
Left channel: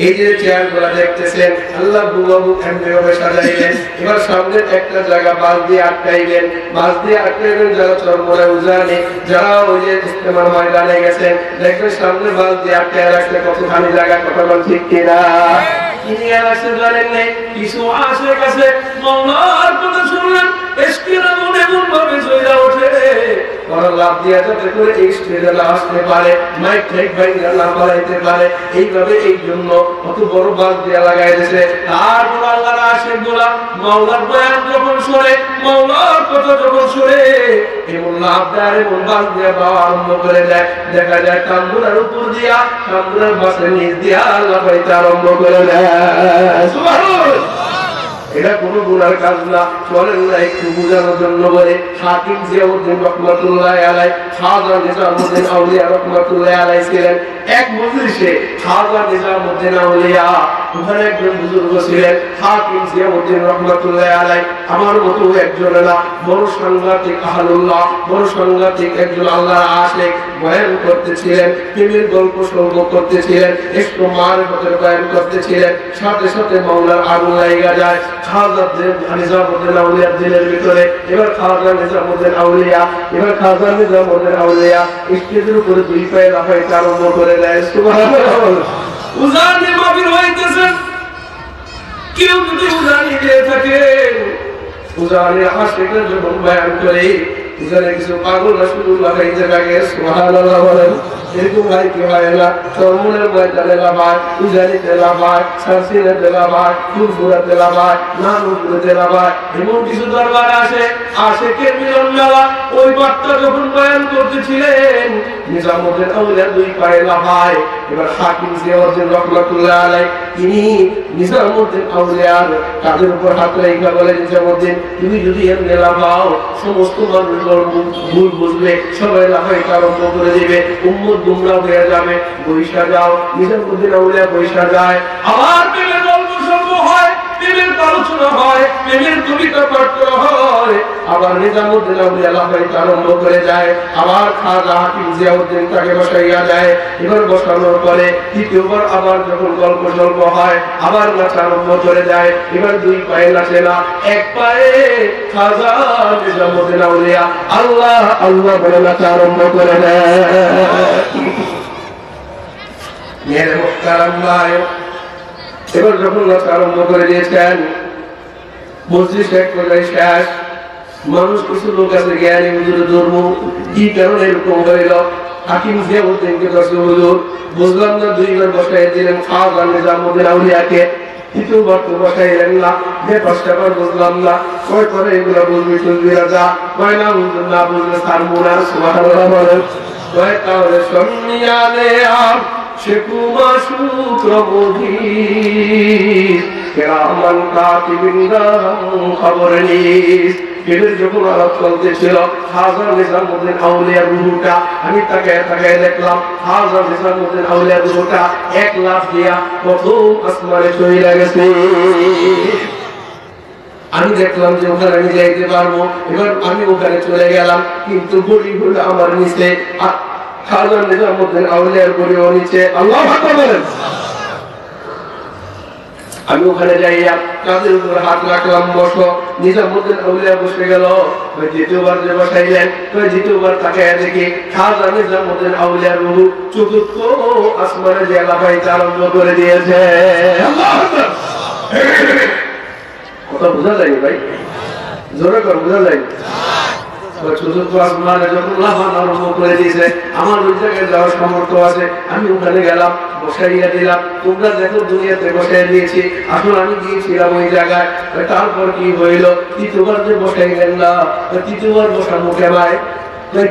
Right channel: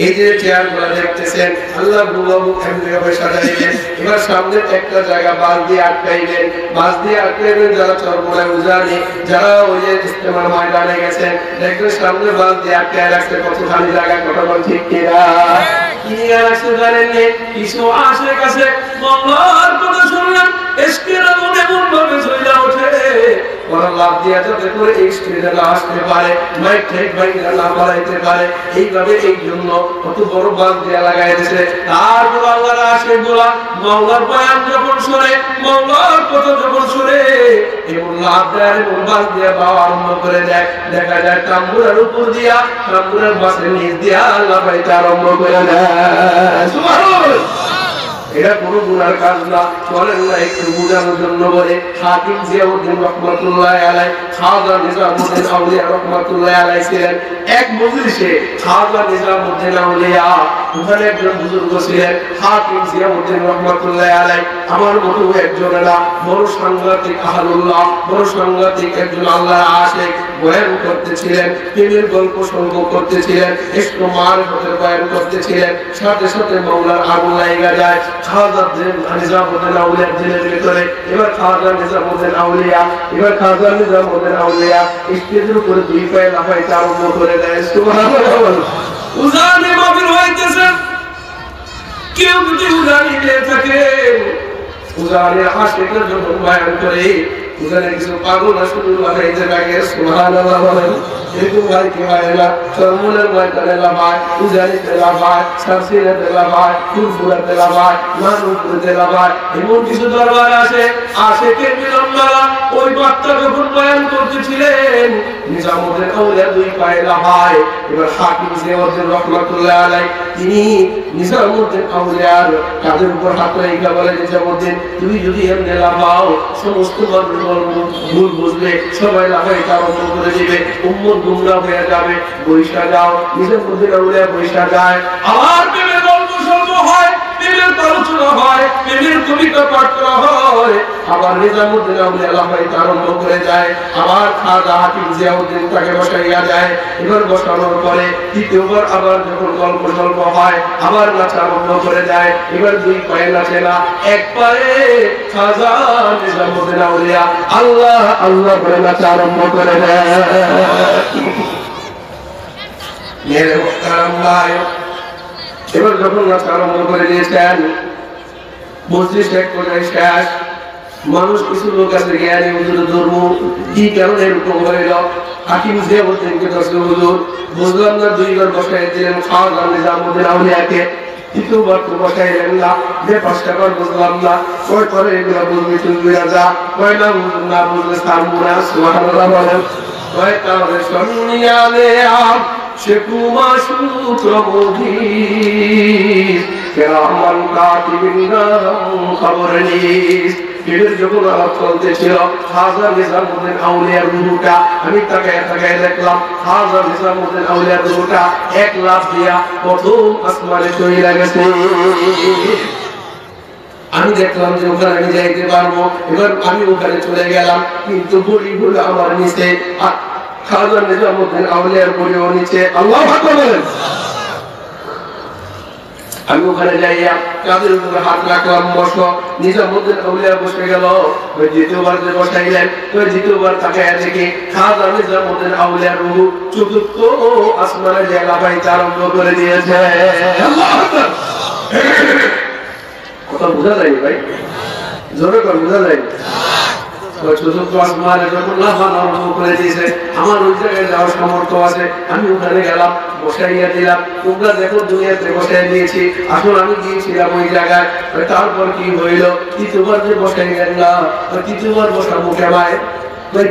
এই যে চেয়ার গুলা দেখতেছেন আল্লাহ বুবাবু এমনি ভাবে সাজাইবেন। এবার সামনে একটা জায়গা বাস দিয়ে আটকাইবেন, বাস দিয়ে আটকাইবেন। যারা চরমনে উজানি, যারা ওই যে ইস্তেমার ময়দানে গেছেন দেখবেন সামনে বাস দিয়ে আটকায় রাখতে কতখানি জায়গা, কথা বল ঠিক কিনা? তিনি আর আসতে জানেন নেই, কিছু আসে কাছে মাওলার কথা শুনলেন, এসকের মনে এমন ভাবে চলে ওঠে ওরা লাভ দিয়ে যাতে করে এই স্টেজে না আসতে পারে, মাইক ঠেক বাইরে না বাড়াইতে পারে। এইভাবে এই জন্য কত বড় বাস দিয়ে লাগাই দিয়েছে। তারপর আল্লাহর আশিক গুলা মাওলার বয়ান যখন শুনে, মাওলার কথা যখন শুনে এমন লাভ দেয়, এমন বাস দিয়ে বাবা আরম্ভ করে দেয়। দেখা যায় তাম্বুরার উপর দিয়া, তাম্বুরার বাসের নিচ দিয়া আল্লাহ পাইতে আরম্ভ করে দেয়। সুবহানাল্লাহ। এটা কোনো গুনার কাজ না, চলেন না একটু বুঝানোর জন্য বলে। হাকিম জিয়াউদ্দিন রহমাতুল্লাহ আলাই, খাজা নিজামুদ্দিন আউলিয়া রহমাতুল্লাহ আলাই ছিলেন এক মজলিসে। খাজা নিজামুদ্দিন আউলিয়া ওখানে একজন বুজুর্গ ছিলেন, হাকিম জিয়াউদ্দিন রহমাতুল্লাহ আলাই আমার মতো একজন না, বড় সাংঘাতিক আহলুল্লাহ, বড় সাংঘাতিক একজন আল্লাহর আশিক। বয়ান করতেছিলেন, প্রেমের গল্প সল্প করতেছিলেন, একটু মারিফতের বয়ান করতেছিলেন। সাথে সাথে মাওলার আগুন লাগা যায় খাজা নিজামুদ্দিন আউলিয়ার দিলের ভিতরে। এবার খাজা নিজামুদ্দিন আউলিয়া, এবার খাজা নিজামুদ্দিন আউলিয়া স্টেজের উপরে দুই পায়ে লাফাইতে আরম্ভ করে দেয়। সুবহানাল্লাহ। উজানি মাহফিল হইতেছে, কেউ যদি উজানি দিয়ে থাকে, উজানির আশিকের জন্য বয়ান করে উজানি কিছু পাগল শুধু লাফাইতে থাকে। সুবহানাল্লাহ বলেন। এরকম ভাই কি হয় না? চরমনের ময়দানে লাফায়, উজানিতে লাফায়, সারসিনাতে লাফায়, ফুলপুরাতে লাফায়, নানুপুরতে লাফায়। এমন কিছু দরবার আসে, আশেকের মিলন মেলা। ওই বার্তা যখন বয়ান করতেছিলেন নিজামুদ্দিন আউলিয়া দুই পায়ে লাফায়। এবার হাকিম জিয়াউদ্দিন রহমাতুল্লাহ আলাই তিনি নিজামুদ্দিন আউলিয়ার কাঁধের উপর হাত রেখে বলে, নিজামুদ্দিন তুমি যদি এমনি লাফাও সমস্ত মানুষ ভুল বুঝবে, সবাই লাফাইতে আরম্ভ করে দিবে, উম্মত গুমরাহ হয়ে যাবে। বৈশা যাও। নিজামুদ্দিন আউলিয়া বৈশা যায়। আবার প্রেমের গল্প সল্প হয়, প্রেমের আলোচনা হয়, প্রেমের কবিতা পাঠ করা হয়। আবার নিজামুদ্দিন আউলিয়া লাফাইতে আরম্ভ করে যায়। আবার খাজা হাকিম জিয়াউদ্দিন তাকে বসাইয়া যায়। এবার বসানোর পরে দ্বিতীয়বার আবার যখন গল্প সল্প হয় আবার নাচা আরম্ভ করে যায়। এবার দুই পায়ে নাচে না, এক পায়ে খাজা নিজামুদ্দিন আউলিয়া আল্লাহ আল্লাহ বলে নাচা আরম্ভ করে দেয়। মেরে মুহতারাম ভাই, এবার যখন নাচা আরম্ভ করে দিয়েছেন মজলিস এক পর্যায়ে শেষ। মানুষ কিছু লোক আছে জ্ঞানী হুজুর ধর্ম কি কারণে এরকম হইল? হাকিম জিয়াউদ্দিনকে দর্শক হুজুর বুঝলাম না, দুইবার বসাই দিলেন খাজা নিজামুদ্দিন আউলিয়াকে, তৃতীয়বার তো বসাইলেন না, যে পাঁচটাবার বুঝলাম না। কয় করে এগুলো বুঝবি শুনবি রাজা, কয় না বুঝলেন না বুঝলে ছাড়বো না। সুবহানাল্লাহ বলেন। কয় তাহলে সন্নিয়ালে আর সে কুমা সূত্র মুদির কেরামান কাতিবিনদাম খবর নিস। এদের যখন আলাপ চলতেছিল খাজা নিজামুদ্দিন আউলিয়ার রুহুটা, আমি তাকে দেখলাম খাজা নিজামুদ্দিন আউলিয়ার রুহুটা এক লাফ দিয়া প্রথম আসমানে চলে গেছে। আমি দেখলাম যে ওখানে আমি যাইতে পারবো। এবার আমি ওখানে চলে গেলাম, কিন্তু বড়ি হলো আমার নিচে, খাজা নিজামুদ্দিন আউলিয়ার বড়িও নিচে। আল্লাহু আকবার বলেন। আমি ওখানে যাইয়া কাঁধের উপর হাত রাখলাম, বসো। নিজামুদ্দিন আউলিয়া বসে গেল। দ্বিতীয়বার যে বসাইলেন, দ্বিতীয়বার তাকে দেখি খাজা নিজামুদ্দিন আউলিয়ার রূহ চতুর্থ আসমানে যে লাফাইতে আরম্ভ করে দিয়েছে। কথা বোঝা যায়নি ভাই? জোরে কর, বোঝা যায়নি? চতুর্থ আসমানে যখন লাফানো আরম্ভ করে দিয়েছে, আমার ওই জায়গায় যাওয়ার সামর্থ্য আছে, আমি ওখানে গেলাম, বসাইয়া দিলাম। তোমরা দেখো দুনিয়াতে বসাই দিয়েছি, আসলে আমি গিয়েছিলাম ওই জায়গায়। তারপর কি হইল? তৃতীয়বার যে বসাইলেন না, তৃতীয়বার বসানো কেমায়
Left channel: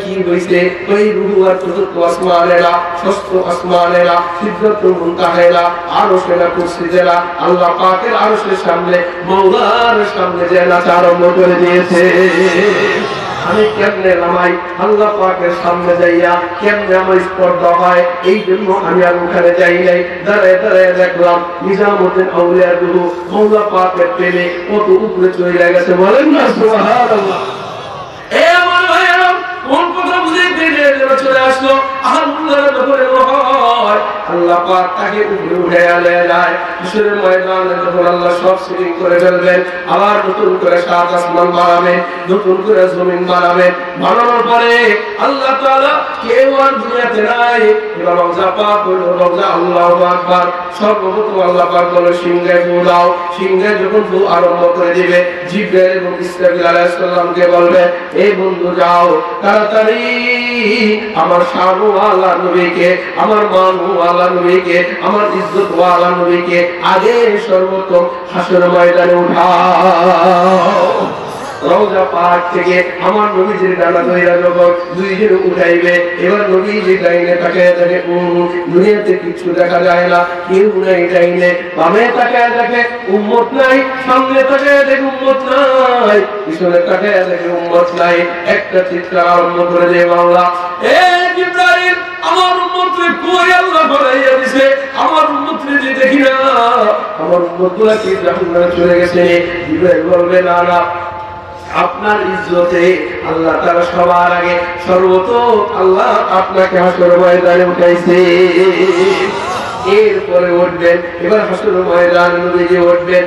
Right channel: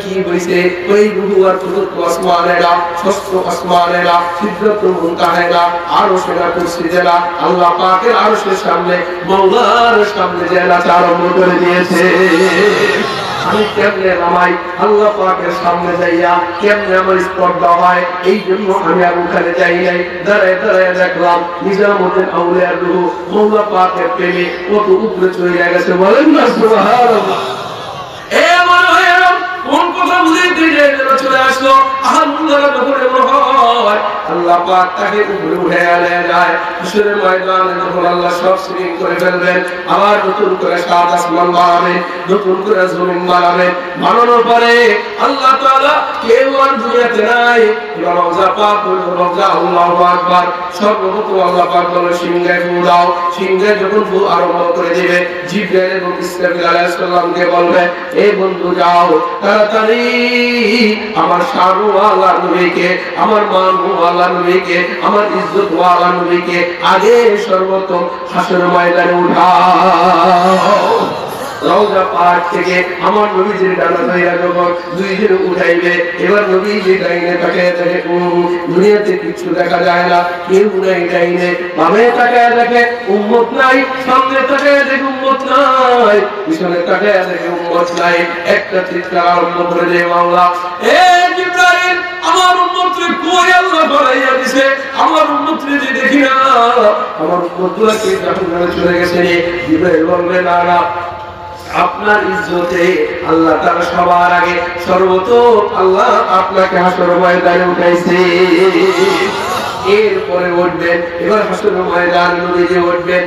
কি হয়েছে? ওই রুহু আর চতুর্থ আসমানেরা, ষষ্ঠ আসমানেরা, সিদ্ধার্থ মুনতাহেরা, আরশেরা, কুরসিরা, আল্লাহ পাকের আরশের সামনে, মওলার সামনে যে নাচা আরম্ভ করে দিয়েছে। আমি কেমনে নামাই? আল্লাহ পাকের সামনে যাইয়া কেমনে আমার স্পর্ধা হয়, এই জন্য আমি আর ওখানে যাই নাই। দাঁড়ায় দাঁড়ায় দেখলাম নিজামুদ্দিন আউলিয়ার রুহু মওলা পাকের প্রেমে কত উপরে চলে গেছে। বলেন না সুবহানাল্লাহ। কোন কথা বুঝাইতে চলে আসলো? আল্লাহ পাক তাকে উপরে উঠে আনে যায়। হাসরের ময়দানে যখন আল্লাহ সব সিলিং করে ফেলবেন, আবার নতুন করে সাত আসমান বানাবেন, নতুন করে জমিন বানাবেন। বানানোর পরে আল্লাহ তাআলা কেউ আর দুনিয়াতে নাই। রওজা পাক হলো রওজা, আল্লাহু আকবার। সর্বপ্রথম আল্লাহ পাক বলে সিংহে ফু দাও। সিংহে যখন ফু আরম্ভ করে দিবে, জিবরাইল এবং ইসরাফিল আলাইহিস সালামকে বলবে, এই বন্ধু যাও তাড়াতাড়ি আমার শানওয়ালা নবীকে, আমার মানওয়ালা নবীকে, আমার ইজ্জতওয়ালা নবীকে আগে সর্বপ্রথম হাসরের ময়দানে উঠাও। রওজা পাক থেকে আমার নবীজির ডানা ধরিয়া যখন দুইজন উঠাইবে, এবার নবীজি ডাইনে তাকায় দেখে দুনিয়াতে কিছু দেখা যায় না, কেউ নাই ডাইনে। বামে তাকায় দেখে উম্মত নাই, সামনে তাকায় দেখে উম্মত নাই, পিছনে তাকায় দেখে উম্মত নাই। একটা চিৎকার আরম্ভ করে দেয়, মাওলা এ জিবরাইল, আমার উম্মতকে কই আল্লাহ বাড়াইয়া দিছে? আমার উম্মতকে যে দেখি না, আমার উম্মতগুলা কি জাহান্নামে চলে গেছে? জিবরাইল বলবে, না না, আপনার ইজ্জতে আল্লাহ তাআলা সবার আগে সর্বপ্রথম আল্লাহ আপনাকে হাসরের ময়দানে উঠাইছে। এরপরে উঠবেন, এবার হাসরের ময়দানে নবীজি উঠবেন।